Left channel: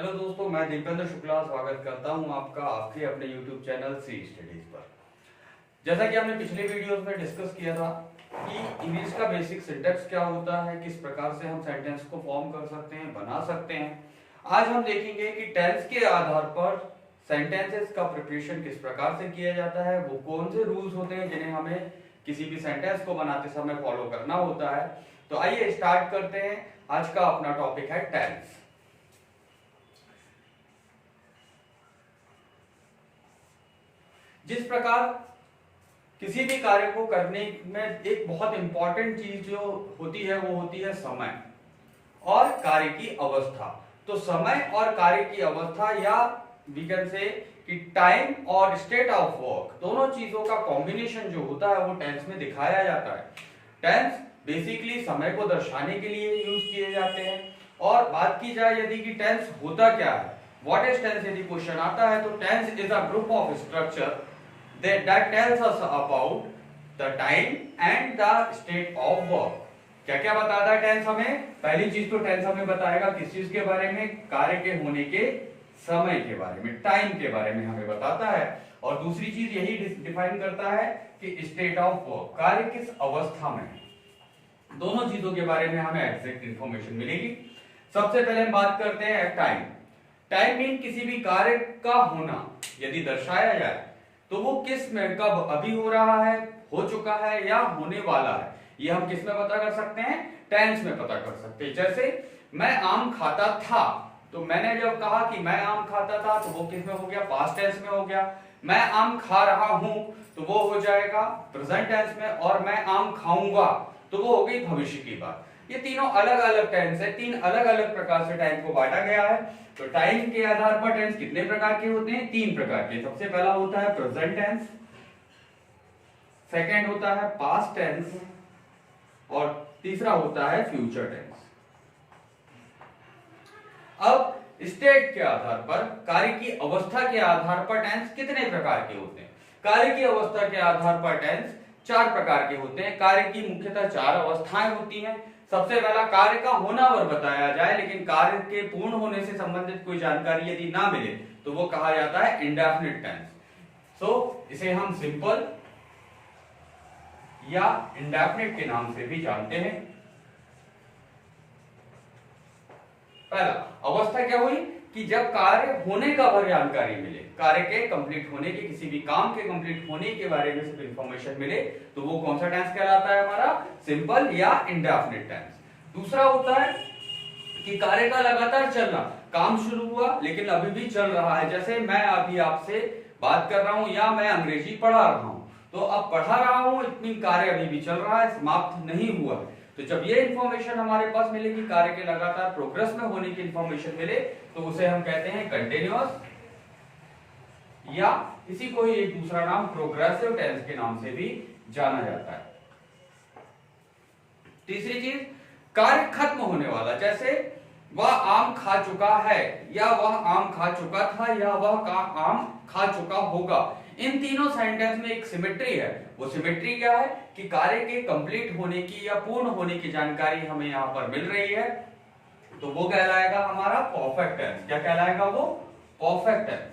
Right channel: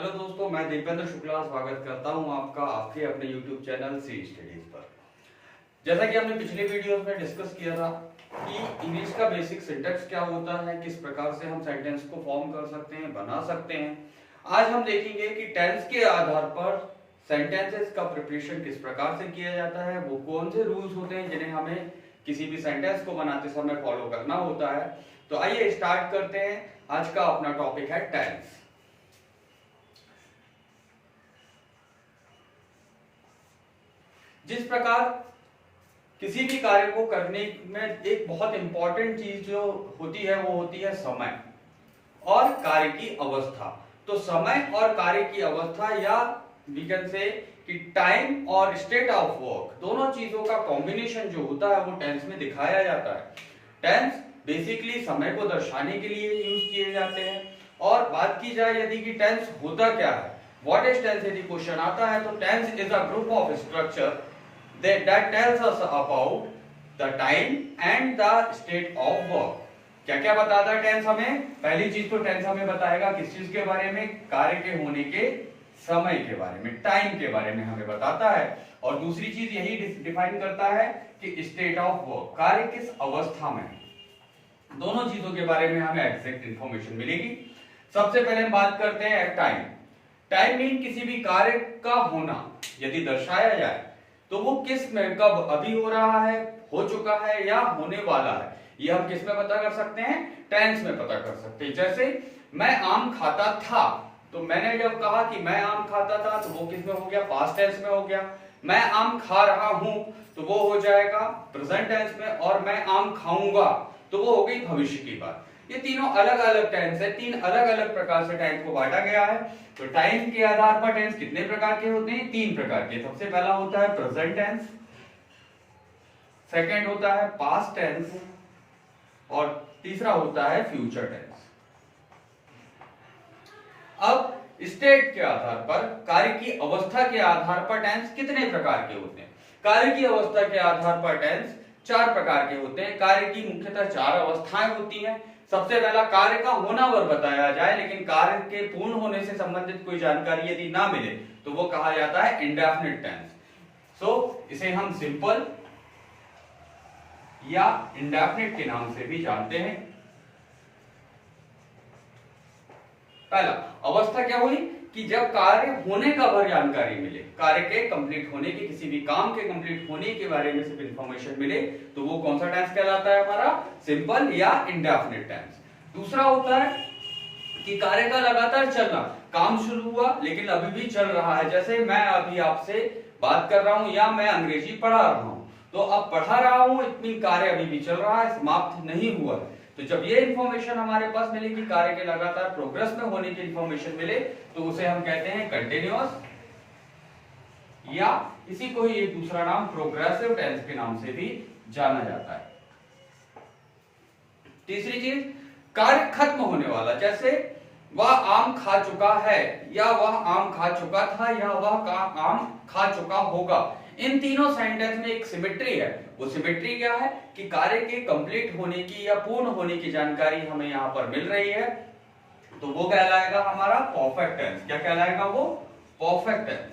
Hello दोस्तों, मैं दीपेंद्र शुक्ला स्वागत करता हूं आपका आपके अपने YouTube चैनल सी स्टडीज पर। जैसा कि हमने पिछले वीडियोस में डिस्कस किया था कि इंग्लिश का बेसिक सिंटेक्स क्या होता है, किस प्रकार से हम सेंटेंस को फॉर्म कर सकते हैं, बना सकते हैं। आज हम देखेंगे कि टेंस के आधार पर सेंटेंसेस का प्रिपरेशन किस प्रकार से किया जाता है, वो कौन से रूल्स होते हैं जिन्हें हमें किसी भी सेंटेंस को बनाते समय फॉलो करना होता है। तो आइए स्टार्ट करते हैं। आज का अपना टॉपिक है टेंस। जिस प्रकार किसी भी कार्य को करने में एक बहुत इंपॉर्टेंट चीज जो होती है वो होती है समय और कार्य की अवस्था। तो समय और कार्य की अवस्था या वी कैन से कि टाइम और स्टेट ऑफ वर्क, दोनों चीजों का कॉम्बिनेशन जो होता है वो टेंस में दिखाया जाता है। टेंस बेसिकली समय को दर्शाने के लिए यूज किए जाते हैं। और बात की जाए यदि कि टेंस होता क्या है, व्हाट इज टेंस, यदि क्वेश्चन आता है तो tense is a group of structure that tells us about the time and the state of work। क्या क्या बताता है टेंस हमें? पहली चीज तो टेंस हमें बताएगा किस चीज के बारे में, कार्य के होने के समय के बारे में, टाइम के बारे में हमें बताता है। और दूसरी चीज यही डिफाइन करता है कि स्टेट ऑफ वर्क, कार्य किस अवस्था में है। दोनों चीजों के बारे में हमें एग्जैक्ट इंफॉर्मेशन मिलेगी। सबसे पहले हम बात करते हैं टाइम। टाइम मीन किसी भी कार्य का होना यदि दर्शाया जाए तो वो किस में, कब, अभी हो रहा है, हो चुका है या होने वाला है, ये हम किस में पता कर सकते हैं? टेंस में पता कर सकते हैं। जैसे मैं आम खाता था, तो मैंने जब कहा कि मैं आम खाता था तो वो किस में हो गया? पास्ट टेंस में हो गया। मैं आम खा रहा हूं तो वो हो जाएगा प्रेजेंट टेंस में। और मैं आम खाऊंगा तो वो हो गई भविष्य की बात। ये तीनों अलग अलग टेंस है, तीन अलग अलग प्रकार से टाइम को बांटा गया है। तो टाइम के आधार पर टेंस कितने प्रकार के होते हैं? तीन प्रकार के। सबसे पहला होता है प्रेजेंट टेंस, सेकंड होता है पास्ट टेंस और तीसरा होता है फ्यूचर टेंस। अब स्टेट के आधार पर, कार्य की अवस्था के आधार पर टेंस कितने प्रकार के होते हैं? कार्य की अवस्था के आधार पर टेंस चार प्रकार के होते हैं। कार्य की मुख्यतः चार अवस्थाएं होती हैं। सबसे पहला कार्य का होना वर बताया जाए, लेकिन कार्य के पूर्ण होने से संबंधित कोई जानकारी यदि ना मिले तो वो कहा जाता है इंडेफिनिट टेंस। सो इसे हम सिंपल या इंडेफिनिट के नाम से भी जानते हैं। पहला अवस्था क्या हुई कि जब कार्य होने का भर जानकारी मिले, कार्य के कंप्लीट होने के, किसी भी काम के कंप्लीट होने के बारे में सिर्फ इंफॉर्मेशन मिले, तो वो कौन सा टेंस कहलाता है? हमारा सिंपल या इंडेफिनिट टेंस। दूसरा होता है कि कार्य का लगातार चलना, काम शुरू हुआ लेकिन अभी भी चल रहा है। जैसे मैं अभी आपसे बात कर रहा हूं या मैं अंग्रेजी पढ़ा रहा हूं, तो अब पढ़ा रहा हूं, इतनी कार्य अभी भी चल रहा है, समाप्त नहीं हुआ। तो जब ये इंफॉर्मेशन हमारे पास मिले कि कार्य के लगातार प्रोग्रेस में होने की इंफॉर्मेशन मिले, तो उसे हम कहते हैं कंटिन्यूअस, या इसी को ही एक दूसरा नाम प्रोग्रेसिव टेंस के नाम से भी जाना जाता है। तीसरी चीज, कार्य खत्म होने वाला, जैसे वह आम खा चुका है, या वह आम खा चुका था, या वह आम खा चुका होगा। इन तीनों सेंटेंस में एक सिमेट्री है। वो सिमेट्री क्या है कि कार्य के कंप्लीट होने की या पूर्ण होने की जानकारी हमें यहां पर मिल रही है, तो वो कहलाएगा हमारा परफेक्ट टेंस। क्या कहलाएगा वो? Perfect tense.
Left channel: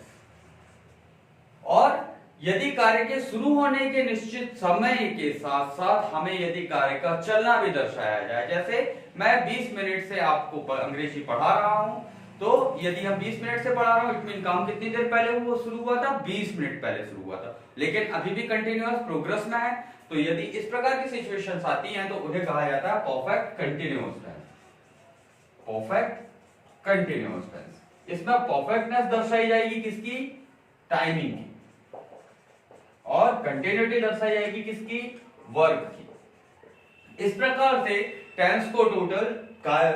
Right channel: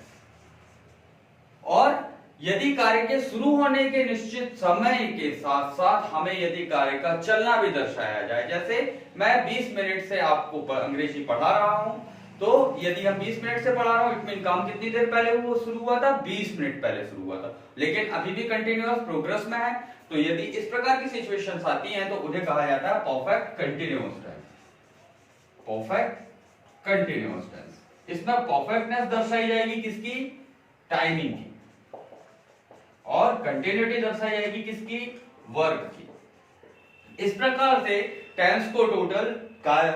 और यदि कार्य के शुरू होने के निश्चित समय के साथ साथ हमें यदि कार्य का चलना भी दर्शाया जाए, जैसे मैं 20 मिनट से आपको अंग्रेजी पढ़ा रहा हूं, तो यदि हम 20 मिनट से पढ़ा रहा हूं, इट मीन काम कितनी देर पहले वो शुरू हुआ था? 20 मिनट पहले शुरू हुआ था, लेकिन अभी भी कंटिन्यूअस प्रोग्रेस में है। तो यदि इस प्रकार की सिचुएशंस आती हैं तो उन्हें कहा जाता है perfect continuous tense. Perfect continuous tense. इसमें परफेक्टनेस दर्शाई जाएगी किसकी? टाइमिंग की। और कंटिन्यूटी दर्शाई जाएगी किसकी? वर्क की। इस प्रकार से टेंस को टोटल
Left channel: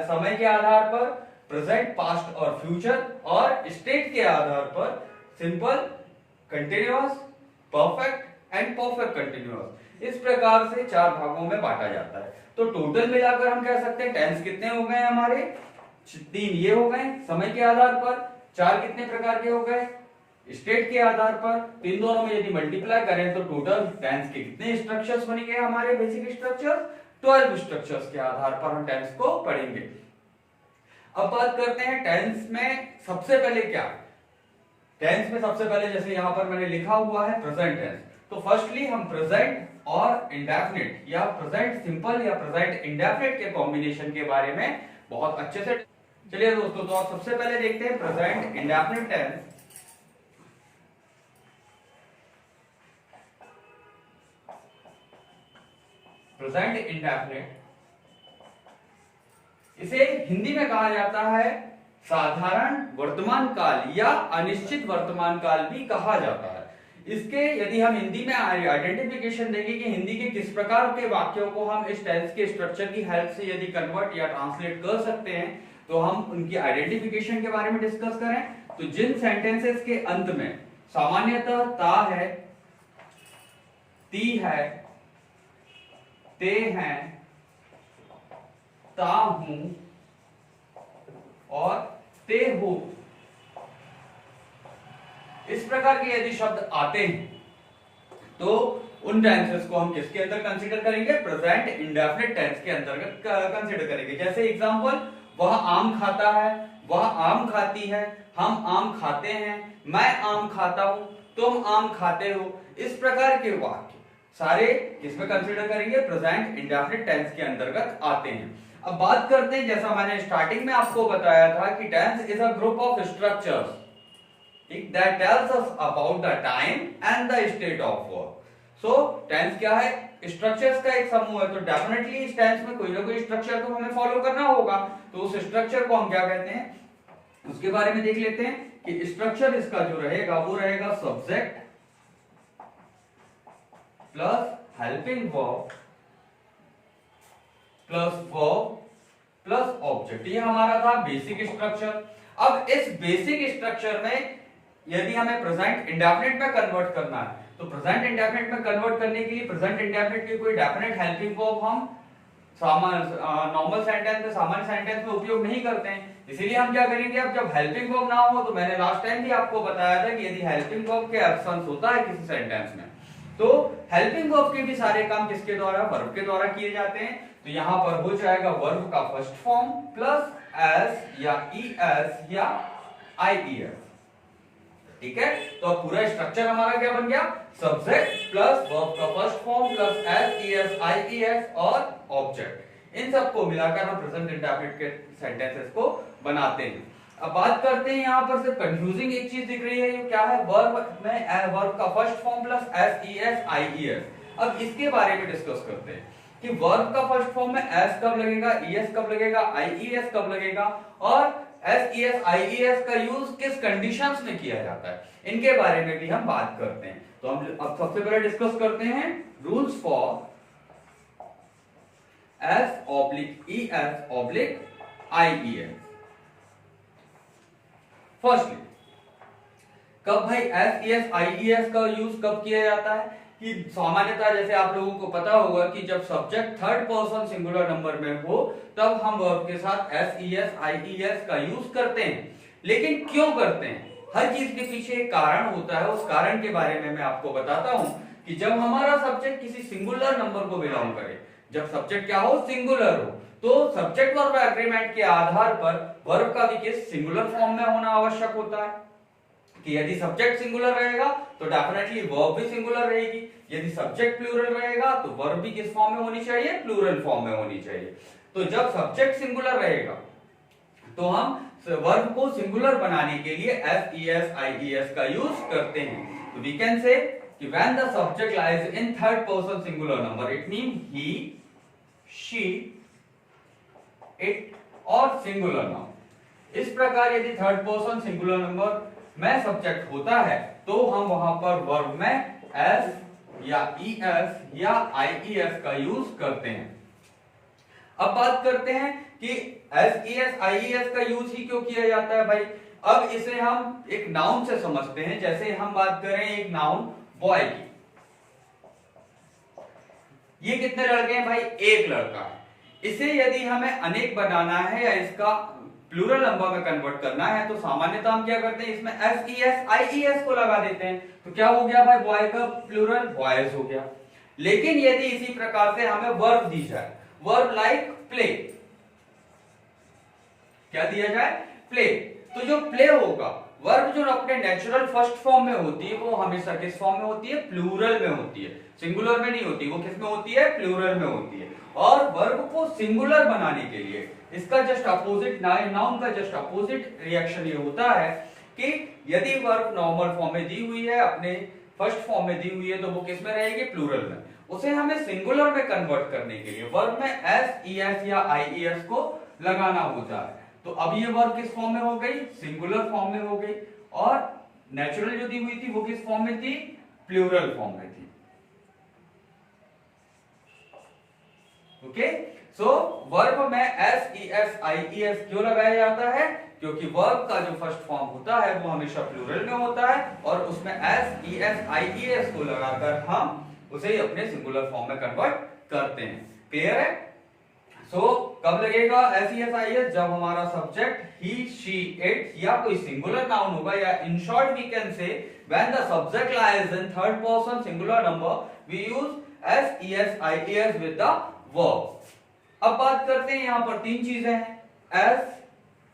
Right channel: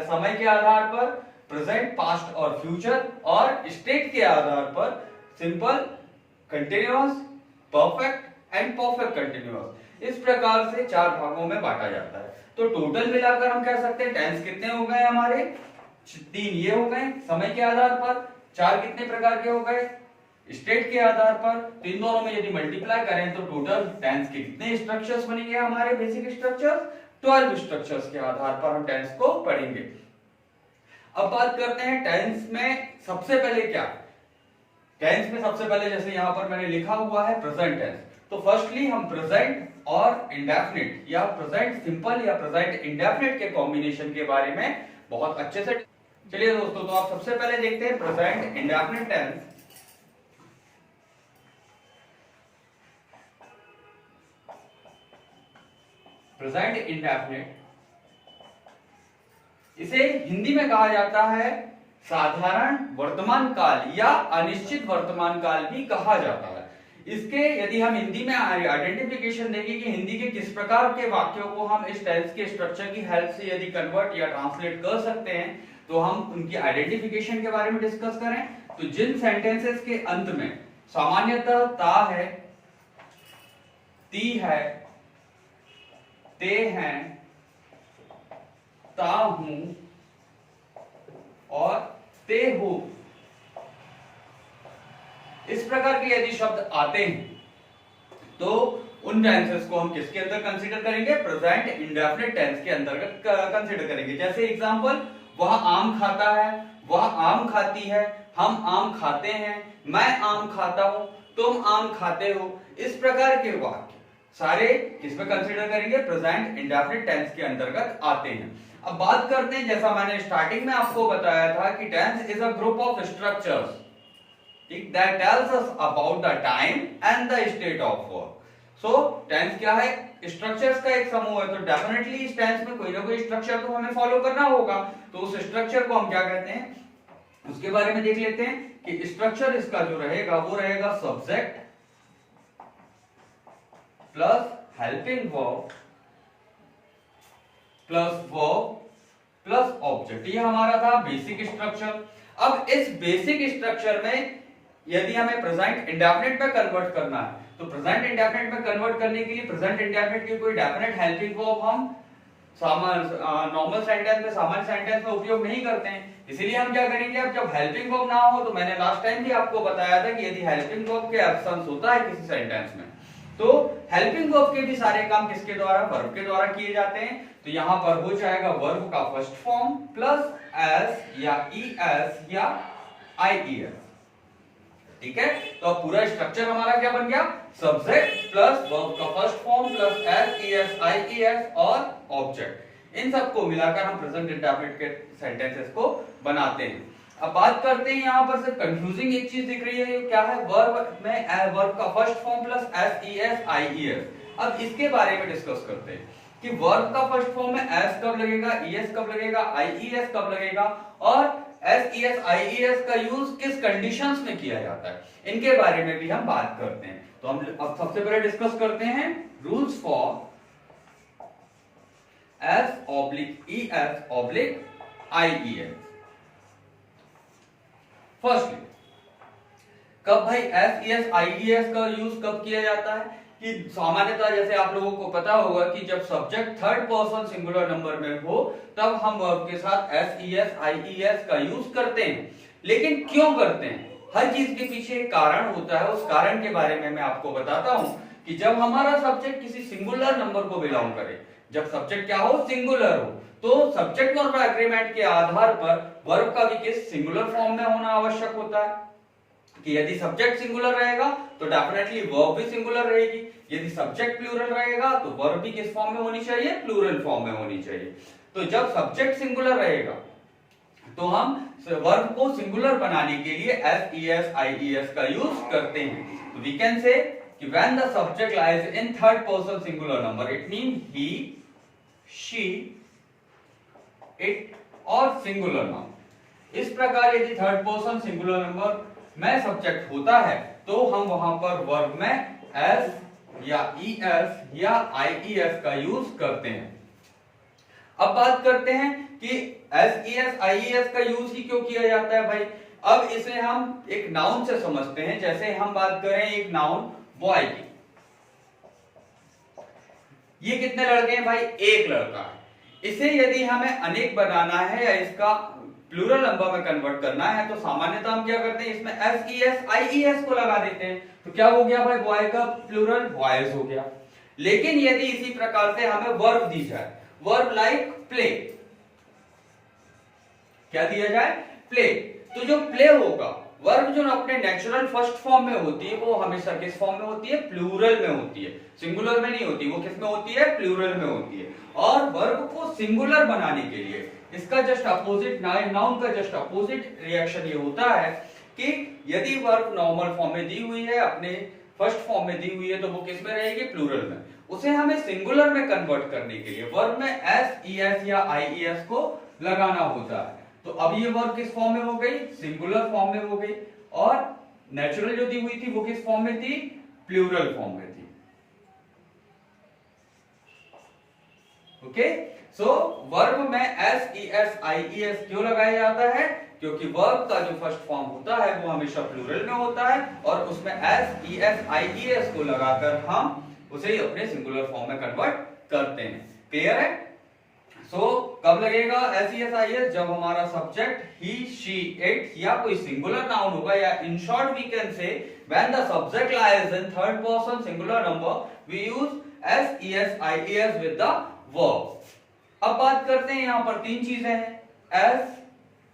समय के आधार पर, प्रेजेंट, पास्ट और फ्यूचर, और स्टेट के आधार पर simple, continuous, perfect and perfect continuous, इस प्रकार से चार भागों में बांटा जाता है। तो टोटल मिलाकर हम कह सकते हैं टेंस कितने हो गए हमारे? तीन ये हो गए समय के आधार पर। चार कितने प्रकार के हो गए? स्टेट के आधार पर। तो इन दोनों में यदि मल्टीप्लाई करें तो टोटल टेंस के कितने स्ट्रक्चर्स बनेंगे हमारे? बेसिक स्ट्रक्चर 12 स्ट्रक्चर्स के आधार पर हम टेंस को पढ़ेंगे। अब बात करते हैं टेंस में सबसे पहले क्या है। टेंस में सबसे पहले जैसे यहां पर मैंने लिखा हुआ है प्रेजेंट टेंस, तो फर्स्टली हम प्रेजेंट और इंडेफिनिट या प्रेजेंट सिंपल या प्रेजेंट इंडेफिनिट के कॉम्बिनेशन के बारे में बहुत अच्छे से। चलिए दोस्तों, तो आप सबसे पहले देखते हैं present indefinite tense. Present indefinite, इसे हिंदी में कहा जाता है साधारण वर्तमान काल या अनिश्चित वर्तमान काल भी कहा जाता है। इसके यदि हम हिंदी में आइडेंटिफिकेशन देखें कि हिंदी के किस प्रकार के वाक्यों को हम इस टेंस के स्ट्रक्चर की हेल्प से यदि कन्वर्ट या ट्रांसलेट कर सकते हैं, तो हम उनकी आइडेंटिफिकेशन के बारे में डिस्कस करें। तो जिन सेंटेंसेस के अंत में सामान्यतः ता है, ती है, ते हैं, ता हूं और ते हो, इस प्रकार के यदि शब्द आते हैं तो उन टेंसेस को हम किसके अंदर कंसीडर करेंगे? प्रेजेंट इंडेफिनिट टेंस के अंतर्गत कंसीडर करेंगे। जैसे एग्जांपल, वह आम खाता है, वह आम खाती है, हम आम खाते हैं, मैं आम खाता हूं, तुम आम खाते हो। इस प्रकार के वाक्य सारे किसमें कंसीडर करेंगे? प्रेजेंट इंडेफिनिट टेंस के अंतर्गत आते हैं। अब बात करते हैं, जैसा मैंने स्टार्टिंग में आपको बताया था कि tense is a group of structures that tells us about the time and the state of work. So tense क्या है? स्ट्रक्चर्स का एक समूह है, तो डेफिनेटली इस टेंस में कोई ना कोई स्ट्रक्चर तो हमें फॉलो करना होगा। तो उस स्ट्रक्चर को हम क्या कहते हैं, उसके बारे में देख लेते हैं कि स्ट्रक्चर इसका जो रहेगा वो रहेगा subject plus helping verb plus verb plus object. ये हमारा था बेसिक स्ट्रक्चर। अब इस बेसिक स्ट्रक्चर में यदि हमें प्रेजेंट इंडेफिनिट में कन्वर्ट करना है, तो प्रेजेंट इंडेफिनिट में कन्वर्ट करने के लिए प्रेजेंट इंडेफिनिट की कोई डेफिनेट हेल्पिंग वर्ब हम नॉर्मल सेंटेंस में, सामान्य सेंटेंस में उपयोग नहीं करते हैं। इसीलिए हम क्या करेंगे, अब जब हेल्पिंग वर्ब ना हो, तो मैंने लास्ट टाइम भी आपको बताया था कि यदि हेल्पिंग वर्ब के एब्सेंस होता है किसी सेंटेंस में, तो हेल्पिंग वर्ब के भी सारे काम किसके द्वारा? वर्ब के द्वारा किए जाते हैं। तो यहां पर हो जाएगा वर्ब का फर्स्ट फॉर्म प्लस एस या ईएस या आईईएस। ठीक है, तो अब पूरा स्ट्रक्चर हमारा क्या बन गया? सब्जेक्ट प्लस वर्ब का first form plus s es ies और ऑब्जेक्ट। इन सबको मिलाकर हम प्रेजेंट इंडेफिनिट के सेंटेंसेस को बनाते हैं। अब बात करते हैं, यहां पर सिर्फ कंफ्यूजिंग एक चीज दिख रही है, ये क्या है? वर्ब में वर्ब का first form plus s es ies. अब इसके बारे में डिस्कस करते हैं कि वर्ब का फर्स्ट फॉर्म में एस कब लगेगा, ईएस कब लगेगा, आईईएस कब लगेगा, और एस ईएस आईईएस का यूज किस कंडीशंस में किया जाता है, इनके बारे में भी हम बात करते हैं। तो हम अब सबसे पहले डिस्कस करते हैं rules for s oblique es oblique ies. Firstly, कब भाई एस ईएस आईईएस का यूज कब किया जाता है? कि सामान्यतः जैसे आप लोगों को पता होगा कि जब subject third person singular number में हो, तब हम वर्ब के साथ एस ईएस आईईएस का यूज करते हैं। लेकिन क्यों करते हैं? हर चीज के पीछे एक कारण होता है, उस कारण के बारे में मैं आपको बताता हूं कि जब हमारा सब्जेक्ट किसी सिंगुलर नंबर को बिलोंग करे, जब सब्जेक्ट क्या हो? सिंगुलर हो, तो सब्जेक्ट वर्ब एग्रीमेंट के आधार पर वर्ब का भी किस सिंगुलर फॉर्म में होना आवश्यक होता है। कि यदि सब्जेक्ट सिंगुलर रहेगा तो डेफिनेटली वर्ब भी सिंगुलर रहेगी, यदि सब्जेक्ट प्लूरल रहेगा तो वर्ब भी किस फॉर्म में होनी चाहिए? प्लूरल फॉर्म में होनी चाहिए। तो जब सब्जेक्ट सिंगुलर रहेगा तो हम वर्ब को सिंगुलर बनाने के लिए एस ईएस आईईएस का यूज करते हैं। तो वी कैन से कि when the subject lies in third person singular number, it mean he, she, it और सिंगुलर नाउन। इस प्रकार यदि थर्ड पर्सन सिंगुलर नंबर में सब्जेक्ट होता है तो हम वहां पर वर्ब में एस या ईएस या आईईएस का यूज करते हैं। अब बात करते हैं कि एस ईएस आईईएस का यूज ही क्यों किया जाता है भाई। अब इसे हम एक नाउन से समझते हैं। जैसे हम बात करें एक नाउन बॉय की, ये कितने लड़के हैं भाई? एक लड़का है। इसे यदि हमें अनेक बनाना है या इसका प्लूरल नंबर में कन्वर्ट करना है, तो सामान्यतः हम क्या करते हैं? इसमें एस ईएस आईईएस को लगा देते हैं। तो क्या हो गया भाई? बॉय का प्लूरल बॉयज हो गया। लेकिन यदि इसी प्रकार से हमें वर्ब दी जाए, वर्ब लाइक प्ले, क्या दिया जाए? प्ले। तो जो प्ले होगा, वर्ब जो अपने नेचुरल फर्स्ट फॉर्म में होती है वो हमेशा किस फॉर्म में होती है? प्लूरल में होती है, सिंगुलर में नहीं होती। वो किस में होती है? प्लूरल में होती है। और वर्ब को सिंगुलर बनाने के लिए इसका जस्ट अपोजिट, नाउन का जस्ट अपोजिट रिएक्शन ये होता है कि यदि वर्ब नॉर्मल फॉर्म में दी हुई है, अपने फर्स्ट फॉर्म में दी हुई है, तो वो किस में रहेगी? प्लूरल में। उसे हमें सिंगुलर में कन्वर्ट करने के लिए वर्ब में एस, ईएस या आईईएस को लगाना होता है। तो अब ये वर्ब किस फॉर्म में हो गई? सिंगुलर फॉर्म में हो गई। और नेचुरल जो दी हुई थी वो किस फॉर्म में थी? प्लूरल फॉर्म में थी। ओके, सो वर्ब में एस, ईएस, आईईएस क्यों लगाया जाता है? क्योंकि वर्ब का जो फर्स्ट फॉर्म होता है वो हमेशा प्लूरल में होता है और उसमें एस, ईएस, आईईएस को लगाकर हम उसे अपने सिंगुलर फॉर्म में कन्वर्ट करते हैं। क्लियर है? कब लगेगा एस, ईएस, आईईएस? जब हमारा सब्जेक्ट ही, शी, इट या कोई सिंगुलर नाउन होगा, या in short we can say when the subject lies in third person singular number we use s, es, ies with the verb. अब बात करते हैं, यहां पर तीन चीजें हैं। एस,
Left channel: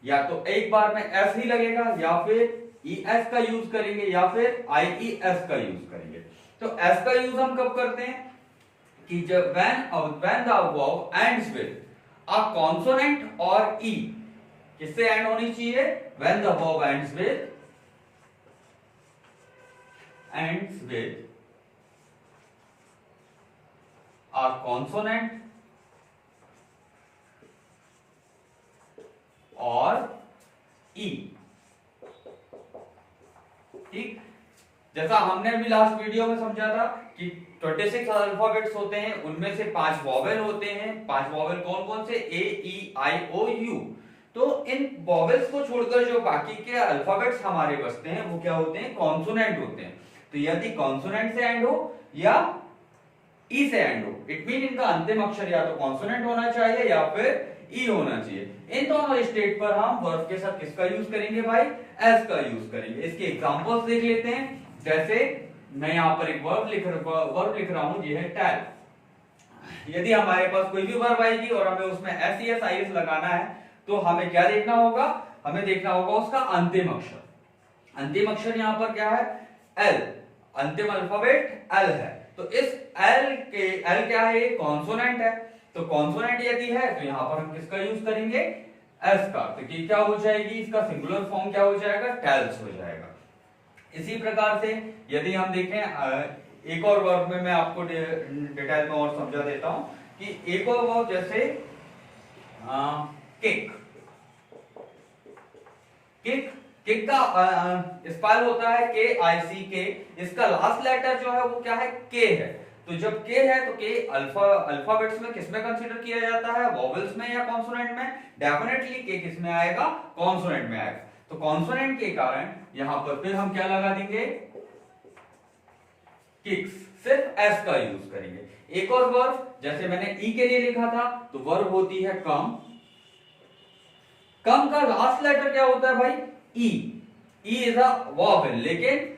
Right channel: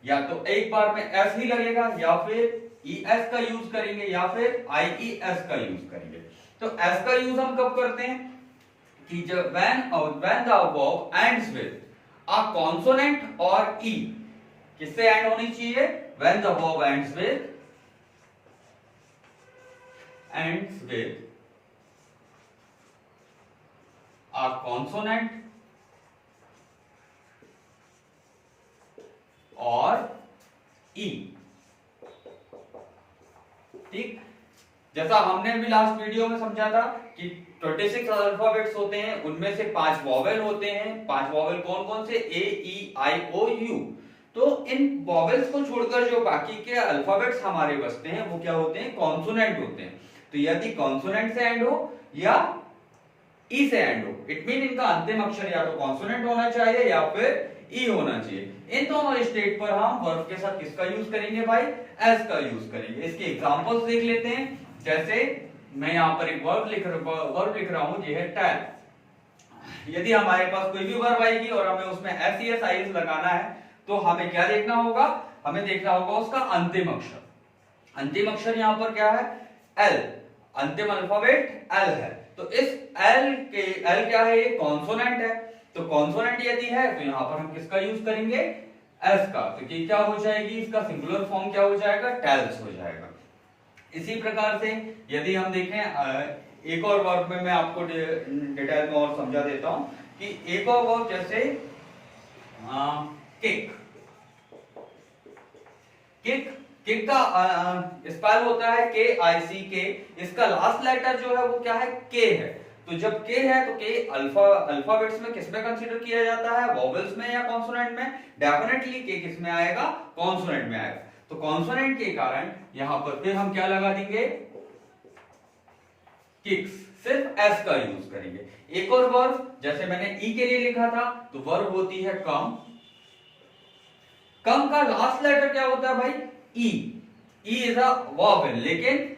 या तो एक बार में एस ही लगेगा, या फिर ईएस का यूज करेंगे, या फिर आईईएस का यूज करेंगे। तो एस का यूज हम कब करते हैं? कि जब when the verb ends with a consonant or e, किससे एंड होनी चाहिए? when the verb ends with a consonant और e। ठीक, जैसा हमने भी लास्ट वीडियो में समझा था कि 26 अल्फाबेट्स होते हैं, उनमें से 5 वॉवेल होते हैं। 5 वॉवेल कौन कौन से? ए, ई, आई, ओ, यू। तो इन वॉवेल्स को छोड़कर जो बाकी के अल्फाबेट्स हमारे बचते हैं वो क्या होते हैं? कॉन्सोनेंट होते हैं। तो यदि कॉन्सोनेंट से एंड हो या ई से एंड हो, इट मीन इनका अंतिम अक्षर या तो कॉन्सोनेंट होना चाहिए या फिर ई होना चाहिए। इन दोनों स्टेट पर हम वर्ब के साथ किसका यूज करेंगे भाई? एस का यूज करेंगे। इसके एग्जांपल्स देख लेते हैं। जैसे मैं यहां पर एक वर्ब लिख रहा हूं, ये है टेल। यदि हमारे पास कोई भी वर्ब आएगी और हमें उसमें एस, ईएस, आईईएस लगाना है, तो हमें क्या देखना होगा? हमें देखना होगा उसका अंतिम अक्षर। अंतिम अक्षर यहां पर क्या है? एल। अंतिम अल्फाबेट एल है। तो इस एल क्या है? ये कॉन्सोनेंट है। तो कॉन्सोनेंट यदि है तो यहां पर हम किसका यूज करेंगे? एस का। तो ये क्या हो जाएगी? इसका सिंगुलर फॉर्म क्या हो जाएगा? टेल्स हो जाएगा। इसी प्रकार से यदि हम देखें एक और वर्ब में मैं आपको डिटेल में और समझा देता हूं कि एक और वर्ब जैसे किक। किक का स्पेल होता है KICK। इसका लास्ट लेटर जो है वो क्या है? के है। तो जब के है तो के अल्फाबेट्स में किसमें कंसीडर किया जाता है? वॉवेल्स में या कॉन्सोनेंट में? डेफिनेटली के किस में आएगा? कॉन्सोनेंट में आएगा। तो कॉन्सोनेंट के कारण यहां पर फिर हम क्या लगा देंगे? किक्स। सिर्फ एस का यूज करेंगे। एक और वर्ब जैसे मैंने ई के लिए लिखा था, तो वर्ब होती है कम। कम का लास्ट लेटर क्या होता है भाई? ई। ई इज अ वॉवेल, लेकिन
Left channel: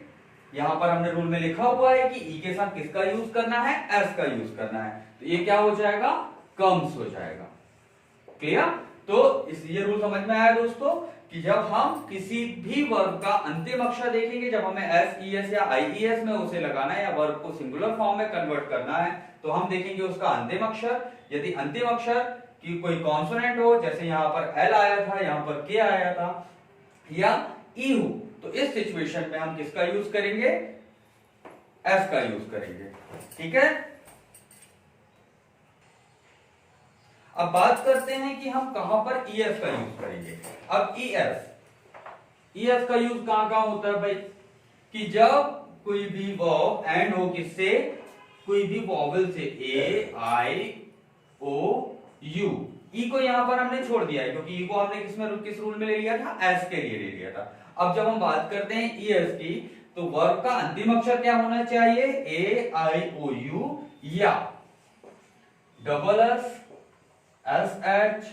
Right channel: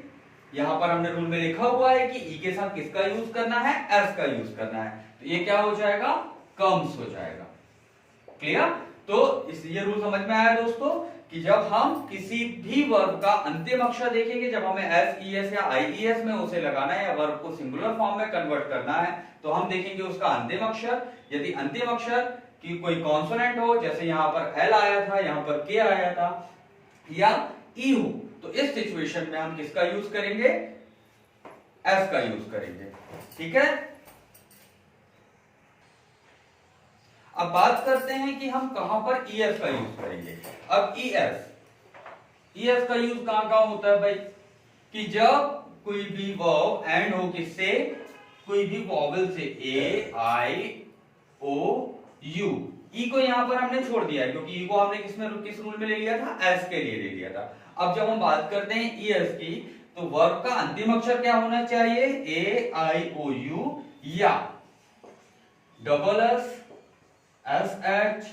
यहां पर हमने रूल में लिखा हुआ है कि ई के साथ किसका यूज करना है? एस का यूज करना है। तो ये क्या हो जाएगा? कम्स हो जाएगा। क्लियर? तो ये रूल समझ में आया दोस्तों कि जब हम किसी भी वर्ब का अंतिम अक्षर देखेंगे, जब हमें एस, ईएस या आईईएस में उसे लगाना है या वर्ब को सिंगुलर फॉर्म में कन्वर्ट करना है, तो हम देखेंगे उसका अंतिम अक्षर। यदि अंतिम अक्षर की कोई कॉन्सोनेंट हो, जैसे यहां पर एल आया था, यहां पर के आया था, या ई हो, तो इस सिचुएशन में हम किसका यूज करेंगे? एस का यूज करेंगे। ठीक है? अब बात करते हैं कि हम कहां पर ईएस का यूज करेंगे। अब ईएस का यूज कहां होता है भाई? कि जब कोई भी वर्ब एंड हो किससे? कोई भी वॉवेल से, ए, आई, ओ, यू। ई को यहां पर हमने छोड़ दिया है क्योंकि ई को हमने किस रूल में ले लिया था? एस के लिए ले लिया था। अब जब हम बात करते हैं ईएस की, तो वर्ब का अंतिम अक्षर क्या होना चाहिए? ए, आई, ओ, यू या डबल एस, SH,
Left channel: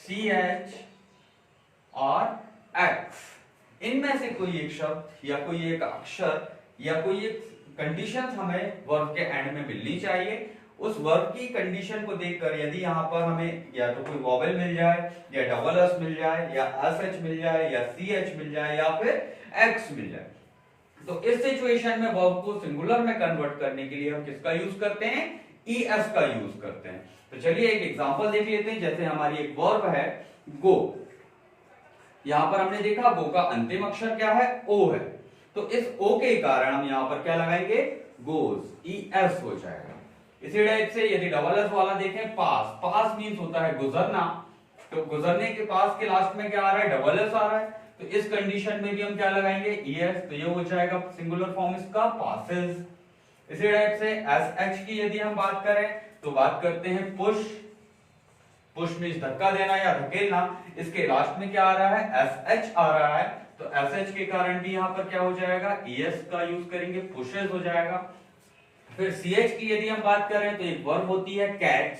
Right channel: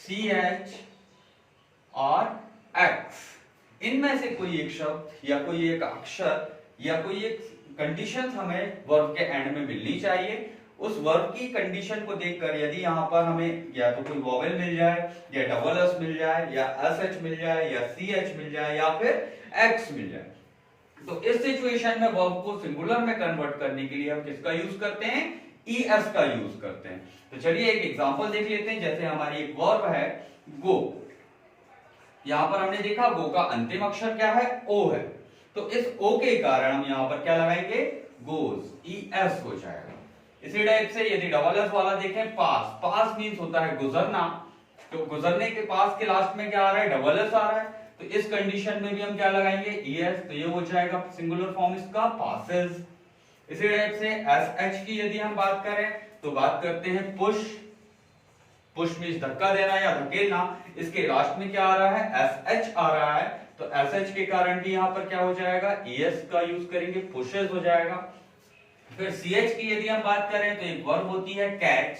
CH और X। इनमें से कोई एक शब्द या कोई एक अक्षर या कोई एक कंडीशंस हमें वर्ब के एंड में मिलनी चाहिए। उस वर्ब की कंडीशन को देखकर यदि यहाँ पर हमें या तो कोई वॉवेल मिल जाए या डबल एस मिल जाए या एस एच मिल जाए या सी एच मिल जाए या फिर एक्स मिल जाए, तो इस सिचुएशन में वर्ब को सिंगुलर में कन्वर्ट करने के लिए हम किसका यूज करते हैं, ईएस का यूज करते हैं। तो चलिए एक एग्जांपल देख लेते हैं। जैसे हमारी एक वर्ब है गो, यहां पर हमने देखा गो का अंतिम अक्षर क्या है, ओ है, तो इस ओ के कारण हम यहां पर क्या लगाएंगे, गोज, ईएस हो जाएगा। इसी टाइप से यदि डबल एस वाला देखें, पास, पास मींस होता है गुजरना, तो गुजरने के पास के लास्ट में क्या आ रहा है, डबल एस आ रहा है, तो इस कंडीशन में भी हम क्या लगाएंगे, ईएस, तो ये हो जाएगा सिंगुलर फॉर्म इसका पासेस। इसी टाइप से एस एच की यदि हम बात करें तो बात करते हैं पुश, पुश मींस धक्का देना या धकेलना, इसके लास्ट में क्या आ रहा है, एस एच आ रहा है, तो एस एच के कारण भी यहां पर क्या हो जाएगा, ईएस का यूज करेंगे, पुशेस हो जाएगा। फिर सीएच की यदि हम बात करें तो एक वर्ब होती है कैच,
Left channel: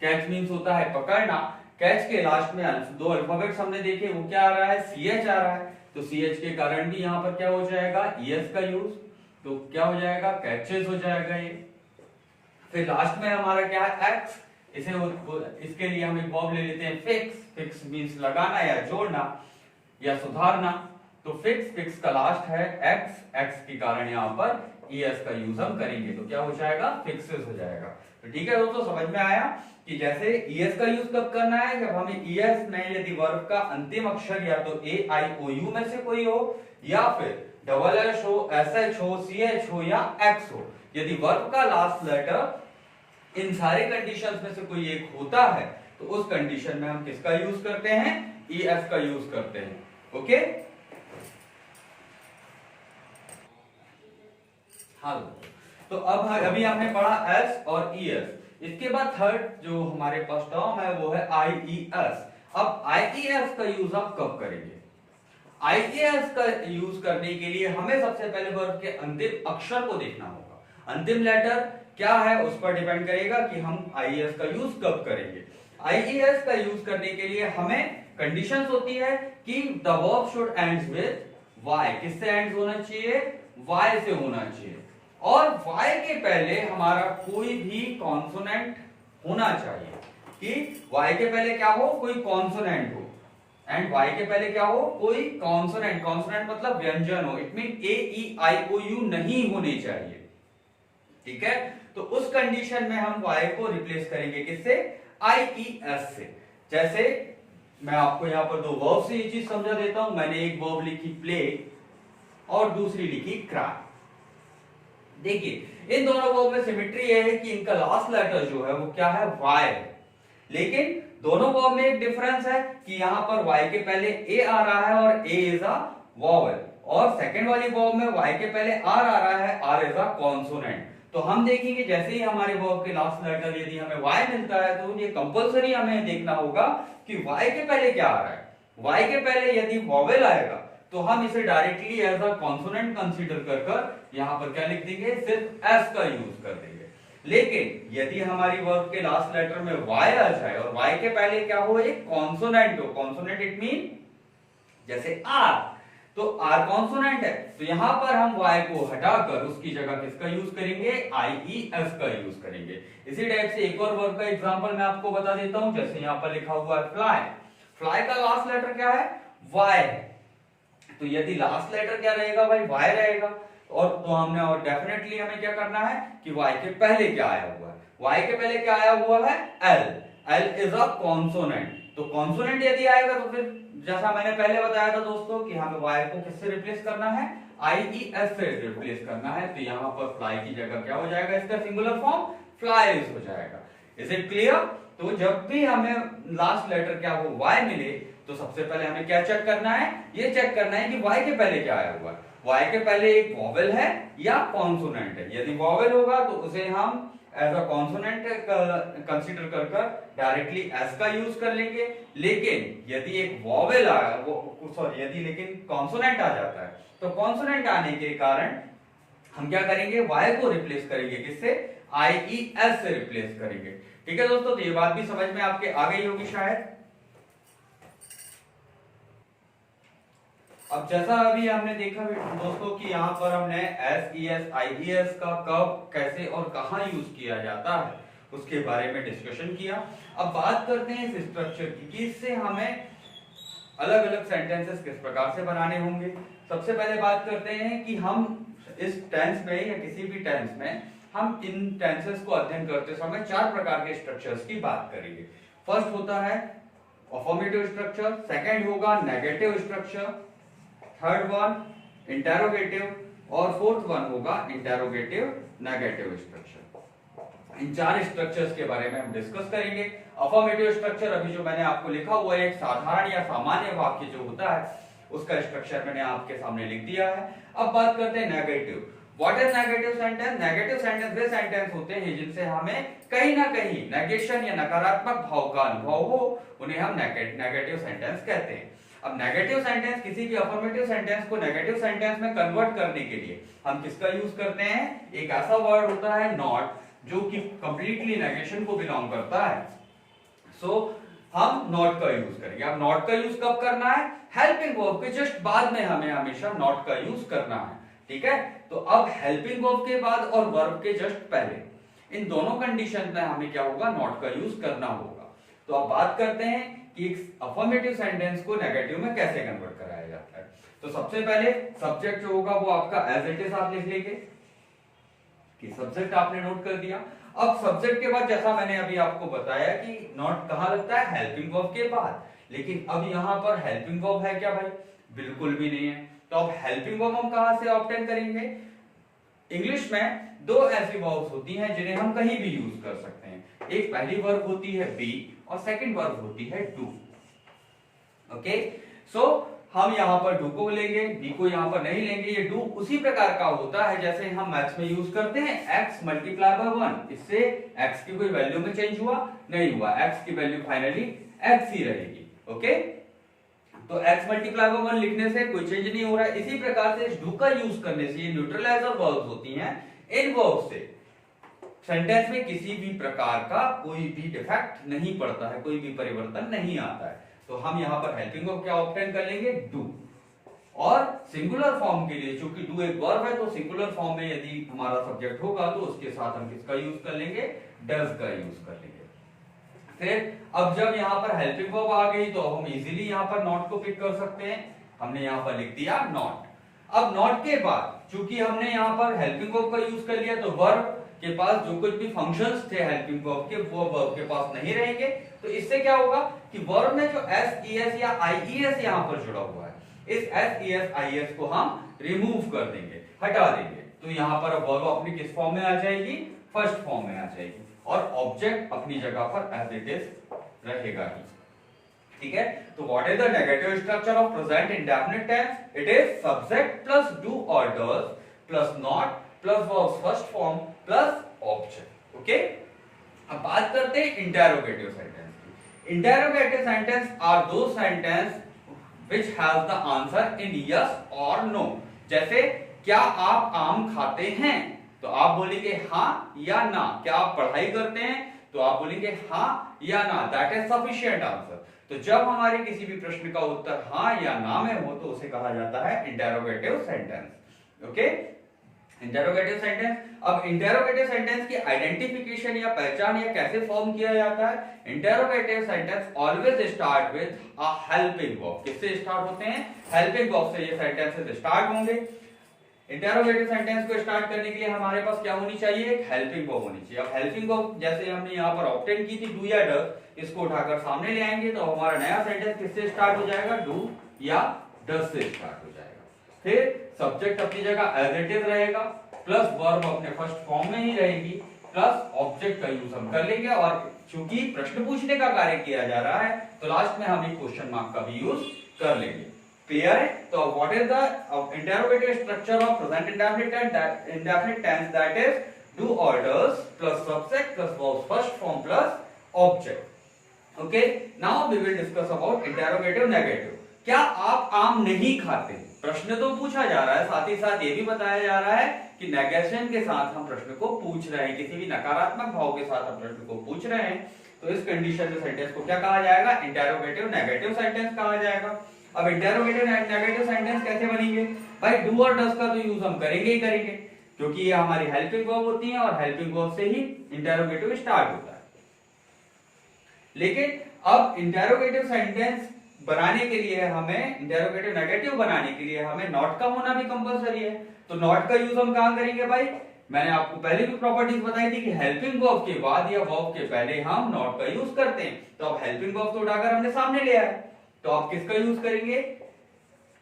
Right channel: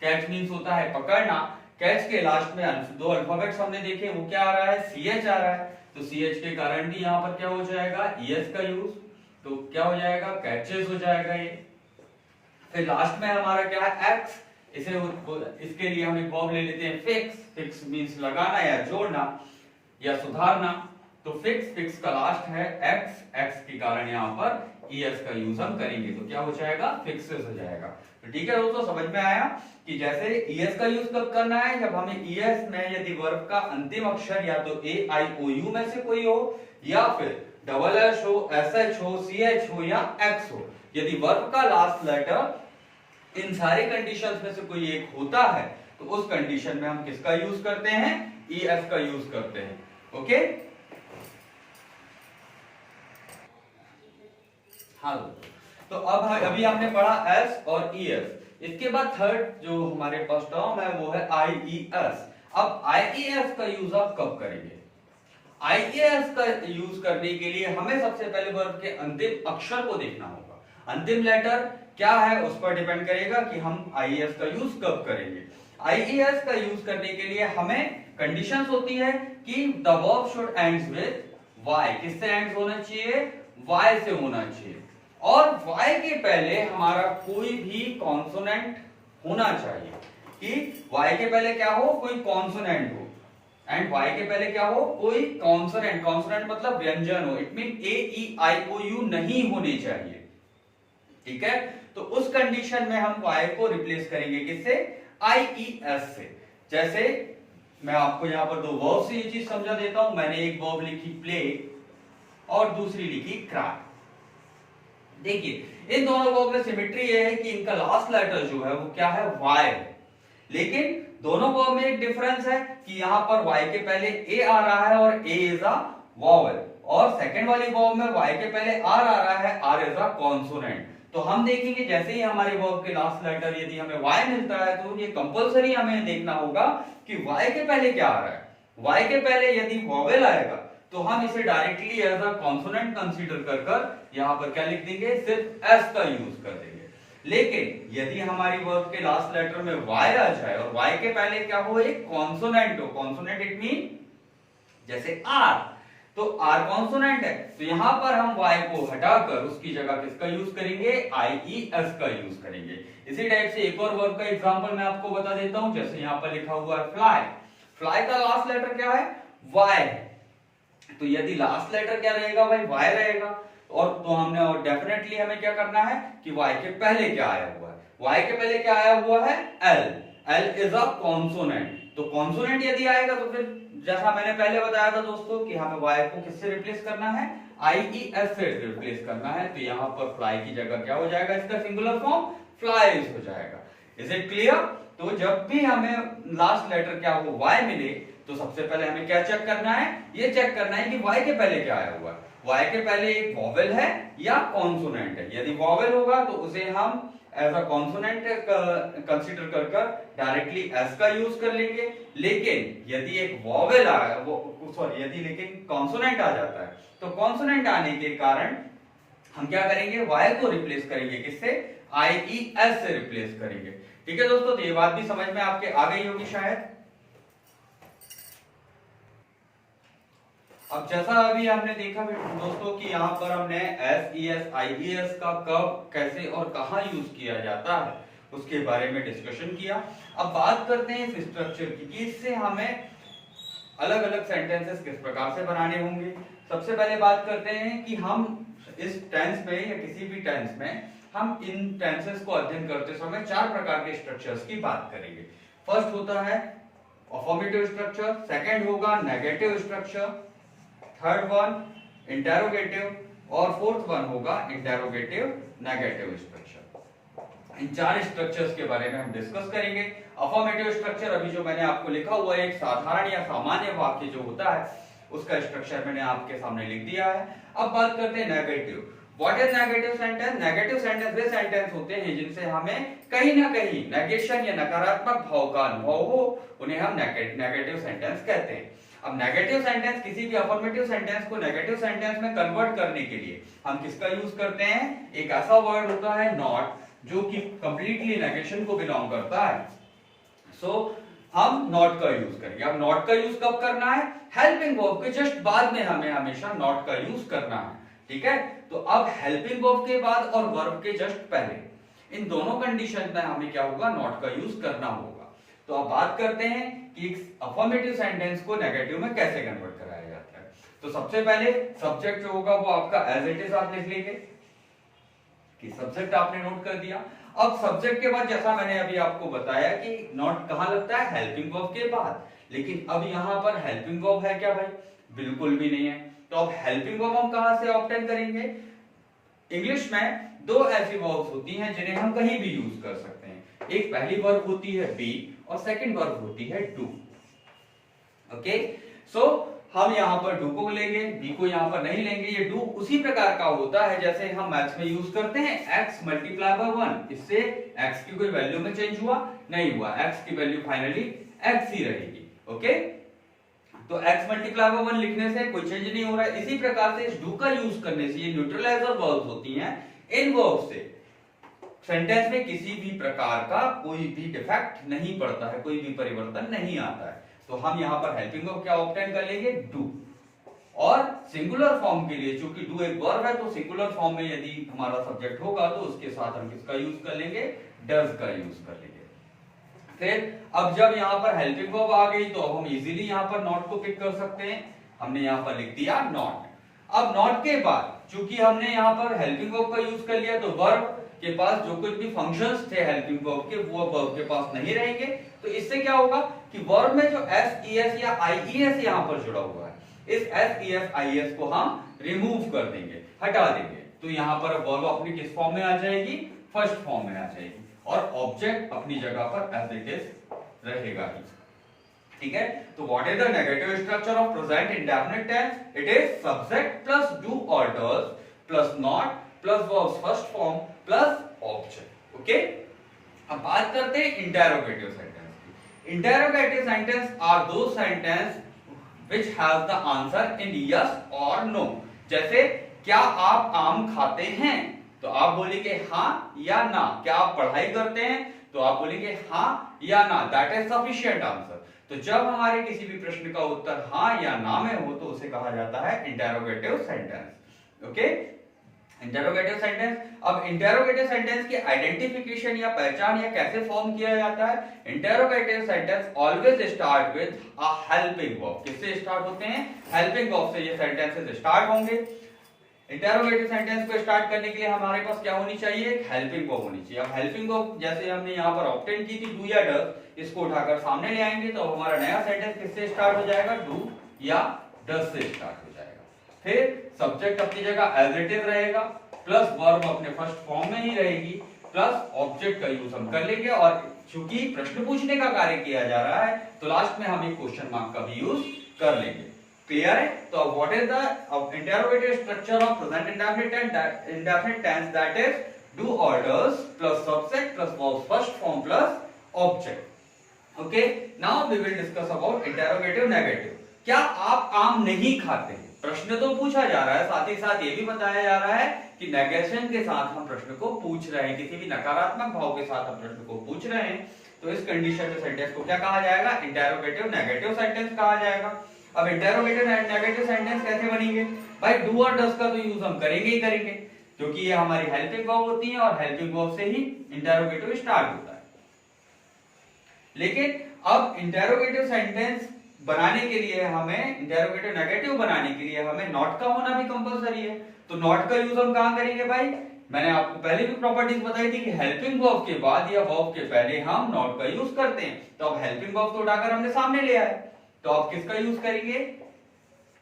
कैच मींस होता है पकड़ना, कैच के लास्ट में दो अल्फाबेट्स हमने देखे, वो क्या आ रहा है, सीएच आ रहा है, तो सीएच के कारण भी यहां पर क्या हो जाएगा, ईएस का यूज, तो क्या हो जाएगा, कैचेस हो जाएगा ये। फिर लास्ट में हमारा क्या है, एक्स, इसके लिए हम एक वर्ब ले लेते हैं फिक्स, फिक्स मींस लगाना या जोड़ना या सुधारना, तो फिक्स, फिक्स का लास्ट है एक्स, एक्स के कारण यहाँ पर ईएस का यूज हम करेंगे, तो क्या हो जाएगा, फिक्सेस हो जाएगा। तो ठीक है दोस्तों, समझ में आया कि जैसे ईएस का यूज कब करना है, जब हमें ईएस में यदि वर्ब का अंतिम अक्षर या तो ए आई ओ यू में से कोई हो या फिर डबल एस हो, एस एच हो, सी एच हो या एक्स हो, यदि वर्ब का लास्ट लेटर इन सारे कंडीशंस में से कोई एक होता है तो उस कंडीशन में हम किसका यूज करते हैं, ईएस का यूज करते हैं। ओके, हाँ, तो अब अभी हमने पढ़ा एस और ईएस, इसके बाद थर्ड जो हमारे पास टर्म है वो है आईईएस। अब आईईएस का यूज आप कब करेंगे, आईईएस का यूज करने के लिए हमें सबसे पहले वर्ब के अंतिम अक्षर को देखना होगा, अंतिम लेटर क्या है उस पर डिपेंड करेगा कि हम आईईएस का यूज कब करेंगे। आईईएस का यूज करने के लिए हमें कंडीशंस होती है कि the verb should ends with y, किससे एंड्स होना चाहिए, वाई से होना चाहिए, और वाई के पहले हमारा कोई भी कॉन्सोनेंट होना चाहिए, कि वाई के पहले क्या हो, कोई कॉन्सोनेंट हो, एंड वाई के पहले क्या हो, कोई कॉन्सोनेंट, कॉन्सोनेंट मतलब व्यंजन हो, it mean a e i o u नहीं होने चाहिए। ठीक है, तो उस कंडीशन में हम वाई को रिप्लेस करेंगे किससे, आई ई एस से। जैसे मैं आपको यहां पर दो वर्ब से ये चीज समझा देता हूं, मैंने एक वर्ब लिखी प्ले और दूसरी लिखी क्राई। देखिए इन दोनों वर्ब में सिमेट्री ये है कि इनका लास्ट लेटर जो है वो क्या है, वाई है, लेकिन दोनों वर्ब में एक डिफरेंस है कि यहां पर वाई के पहले ए आ रहा है और ए इज अ वॉवेल, और सेकंड वाली वर्ब में वाई के पहले आर आ रहा है, आर इज अ कॉन्सोनेंट। तो हम देखेंगे जैसे ही हमारे वर्ब के लास्ट लेटर यदि हमें वाई मिलता है तो ये कंपलसरी हमें देखना होगा कि वाई के पहले क्या आ रहा है। वाई के पहले यदि वॉवेल आएगा तो हम इसे directly as a consonant consider कर यहां पर क्या लिख देंगे, सिर्फ एस का यूज कर देंगे। लेकिन यदि हमारी वर्ब के लास्ट लेटर में वाई आ जाए और वाई के पहले क्या हो, एक कॉन्सोनेंट हो, कॉन्सोनेंट इट मीन जैसे आर, तो आर कॉन्सोनेंट है, तो यहां पर हम वाई को हटाकर उसकी जगह किसका यूज करेंगे, आईईएस का यूज करेंगे। इसी टाइप से एक और वर्ब का एग्जांपल मैं आपको बता देता हूं, जैसे यहां पर लिखा हुआ है फ्लाई, फ्लाई का लास्ट लेटर क्या है, वाई है, तो यदि लास्ट लेटर क्या रहेगा भाई, वाई रहेगा, और तो हमने और डेफिनेटली हमें क्या करना है कि वाई के पहले क्या आया हुआ है, वाई के पहले क्या आया हुआ है, L, L is a consonant, तो कॉन्सोनेंट यदि आएगा तो फिर जैसा मैंने पहले बताया था दोस्तों कि हमें वाई को किससे रिप्लेस करना है, आईईएस से रिप्लेस करना है, तो यहां पर फ्लाई की जगह क्या हो जाएगा, इसका सिंगुलर फॉर्म फ्लाइज हो जाएगा। Is it clear? तो जब भी हमें लास्ट लेटर क्या हो, वाई मिले, तो सबसे पहले हमें क्या चेक करना है, ये चेक करना है कि वाई के पहले क्या आया हुआ है, वाई के पहले एक वॉवेल है या कॉन्सोनेंट है। यदि वॉवेल होगा तो उसे हम एज अ कॉन्सोनेंट कंसीडर कर डायरेक्टली एस का यूज कर लेंगे, लेकिन यदि एक वॉवेल यदि लेकिन कॉन्सोनेंट आ जाता है तो कॉन्सोनेंट आने के कारण हम क्या करेंगे, वाई को रिप्लेस करेंगे किससे, आईईएस से रिप्लेस करेंगे। ठीक है दोस्तों, तो ये बात भी समझ में आपके आ गई होगी शायद। अब जैसा अभी हमने देखा दोस्तों कि यहाँ पर हमने SES IES का कब कैसे और कहाँ यूज किया जाता है उसके बारे में डिस्कशन किया। अब बात करते हैं इस स्ट्रक्चर की कि इससे हमें अलग अलग सेंटेंसेस किस प्रकार से बनाने होंगे। सबसे पहले बात करते हैं कि हम इस टेंस में या किसी भी टेंस में हम इन टेंसेस को अध्ययन करते समय चार प्रकार के स्ट्रक्चर्स की बात करेंगे। फर्स्ट होता है अफर्मेटिव स्ट्रक्चर, सेकंड होगा negative structure, third one interrogative और फोर्थ वन होगा इंटेरोगेटिव नेगेटिव स्ट्रक्चर। इन चार स्ट्रक्चर्स के बारे में हम डिस्कस करेंगे। अफर्मेटिव स्ट्रक्चर अभी जो मैंने आपको लिखा हुआ है एक साधारण या सामान्य वाक्य जो होता है उसका स्ट्रक्चर मैंने आपके सामने लिख दिया है। अब बात करते हैं negative. What is negative sentence? Negative sentence way sentence होते हैं जिनसे हमें कहीं ना कहीं नेगेशन या नकारात्मक भाव का अनुभव हो, उन्हें हम नेगेटिव सेंटेंस कहते हैं। अब नेगेटिव सेंटेंस किसी भी अफर्मेटिव सेंटेंस को नेगेटिव सेंटेंस में कन्वर्ट करने के लिए हम किसका यूज करते हैं? एक ऐसा वर्ड होता है नॉट जो कि कंप्लीटली नेगेशन को बिलोंग करता है। सो हम नॉट का यूज करेंगे। अब नॉट का यूज कब करना है? हेल्पिंग वर्ब के जस्ट बाद में हमें हमेशा नॉट का यूज करना है। ठीक है, तो अब हेल्पिंग वर्ब के बाद और वर्ब के जस्ट पहले इन दोनों कंडीशन में हमें क्या होगा? नॉट का यूज करना होगा। तो अब बात करते हैं कि एक अफर्मेटिव सेंटेंस को नेगेटिव में कैसे कन्वर्ट कराया जाता है। तो सबसे पहले सब्जेक्ट जो होगा वो आपका एज इट इज आप लिख लेंगे कि सब्जेक्ट आपने नोट कर दिया। अब सब्जेक्ट के बाद जैसा मैंने अभी आपको बताया कि नॉट कहां लगता है? हेल्पिंग वर्ब के बाद। लेकिन अब यहां पर हेल्पिंग वर्ब है क्या भाई? बिल्कुल भी नहीं है। तो अब हेल्पिंग वर्ब हम कहां से ऑब्टेन करेंगे? इंग्लिश में दो ऐसी वर्ब्स होती हैं जिन्हें हम कहीं भी यूज कर सकते हैं। एक पहली वर्ब होती है बी और सेकंड वर्ब होती है डू। ओके, सो हम यहां पर डू को लेंगे, बी को यहां पर नहीं लेंगे। ये डू उसी प्रकार का होता है जैसे हम मैथ्स में यूज करते हैं x मल्टीप्लाई बाय 1। इससे x की कोई वैल्यू में चेंज हुआ? नहीं हुआ। x की वैल्यू फाइनली x ही रहेगी। ओके, तो x मल्टीप्लाई बाय 1 लिखने से कोई चेंज नहीं हो रहा है। इसी प्रकार से इस डू का यूज करने से ये न्यूट्रलाइजर वर्ब्स होती हैं, इन वर्ब्स से सेंटेंस में किसी भी प्रकार का कोई भी डिफेक्ट नहीं पड़ता है, कोई भी परिवर्तन नहीं आता है। तो हम यहां पर हेल्पिंग वर्ब क्या ऑब्टेन कर लेंगे? डू। और सिंगुलर फॉर्म के लिए चूंकि डू एक वर्ब है तो सिंगुलर फॉर्म में यदि हमारा सब्जेक्ट होगा तो उसके साथ हम किसका यूज कर लेंगे? डज का यूज कर लेंगे। फिर अब जब यहां पर हेल्पिंग वर्ब आ गई तो हम इजीली यहां पर नॉट को पिक कर सकते हैं। हमने यहां पर लिख दिया नॉट। अब नॉट के बाद चूंकि हमने यहां पर हेल्पिंग वर्ब का यूज कर लिया तो वर्ब के पास जो कुछ भी फंक्शंस थे हेल्पिंग वर्ब के वो वर्ब के पास नहीं रहेंगे। तो इससे क्या होगा कि वर्ब में जो SES या IES यहां पर जुड़ा हुआ है, इस SES IES को हम रिमूव कर देंगे, हटा देंगे। तो यहां पर वर्ब अपनी किस फॉर्म में आ जाएगी? फर्स्ट फॉर्म में आ जाएगी और ऑब्जेक्ट अपनी जगह पर एज इट इज रहेगा ही। ठीक है, तो what is the negative structure of present indefinite tense? It is subject plus do और does plus not plus verb first form plus object. Okay, अब बात करते हैं इंटेरोगेटिव सेंटेंस की। Interrogative sentence are those sentence which have the answer in yes और no. जैसे क्या आप आम खाते हैं? तो आप बोलेंगे हां या ना। क्या आप पढ़ाई करते हैं? तो आप बोलेंगे हां या ना। That is sufficient answer. तो जब हमारे किसी भी प्रश्न का उत्तर हां या ना में हो तो उसे कहा जाता है interrogative sentence. Okay, interrogative sentence. अब इंटेरोगेटिव सेंटेंस की आइडेंटिफिकेशन या पहचान या कैसे फॉर्म किया जाता है? Interrogative sentence always start with a helping verb. किससे स्टार्ट होते हैं? हेल्पिंग वर्ब से ये सेंटेंसेस स्टार्ट होंगे। इंटेरोगेटिव सेंटेंस को स्टार्ट करने के लिए हमारे पास क्या होनी चाहिए? एक हेल्पिंग वर्ब होनी चाहिए। अब हेल्पिंग वर्ब जैसे हमने यहाँ पर ऑब्टेन की थी डू या डज, इसको उठाकर सामने ले आएंगे तो हमारा नया सेंटेंस किससे स्टार्ट हो जाएगा? डू या डज से स्टार्ट हो जाएगा। फिर सब्जेक्ट अपनी जगह एज इट इज रहेगा, प्लस वर्ब अपने फर्स्ट फॉर्म में ही रहेगी, प्लस ऑब्जेक्ट का यूज हम कर लेंगे। और चूंकि प्रश्न पूछने का कार्य किया जा रहा है तो लास्ट में हम एक क्वेश्चन मार्क का भी यूज कर लेंगे। क्लियर है? तो what is the interrogative structure of present indefinite tense? That is do और does plus subject plus verb first form plus object. Okay, now we will discuss about interrogative negative. क्या आप आम नहीं खाते? प्रश्न तो पूछा जा रहा है, साथ ही साथ ये भी बताया जा रहा है कि नेगेशन के साथ हम प्रश्न को पूछ रहे हैं, किसी भी नकारात्मक भाव के साथ हम प्रश्न को पूछ रहे हैं। तो इस कंडीशन में सेंटेंस को क्या कहा जाएगा? इंटेरोगेटिव नेगेटिव सेंटेंस कहा जाएगा। अब इंटेरोगेटिव नेगेटिव सेंटेंस कैसे बनेंगे भाई? डू और डज का तो यूज हम करेंगे ही करेंगे, क्योंकि ये हमारी हेल्पिंग वर्ब होती है और हेल्पिंग वर्ब से ही इंटेरोगेटिव स्टार्ट होता है। लेकिन अब इंटेरोगेटिव सेंटेंस बनाने के लिए हमें, इंटेरोगेटिव नेगेटिव बनाने के लिए हमें नॉट का होना भी कंपलसरी है। तो नॉट का यूज हम कहां करेंगे भाई? मैंने आपको पहले भी प्रॉपर्टीज बताई थी कि हेल्पिंग वर्ब के बाद या वर्ब के पहले हम नॉट का यूज करते हैं। तो अब हेल्पिंग वर्ब तो उठाकर हमने सामने ले आए, तो अब किसका यूज करेंगे?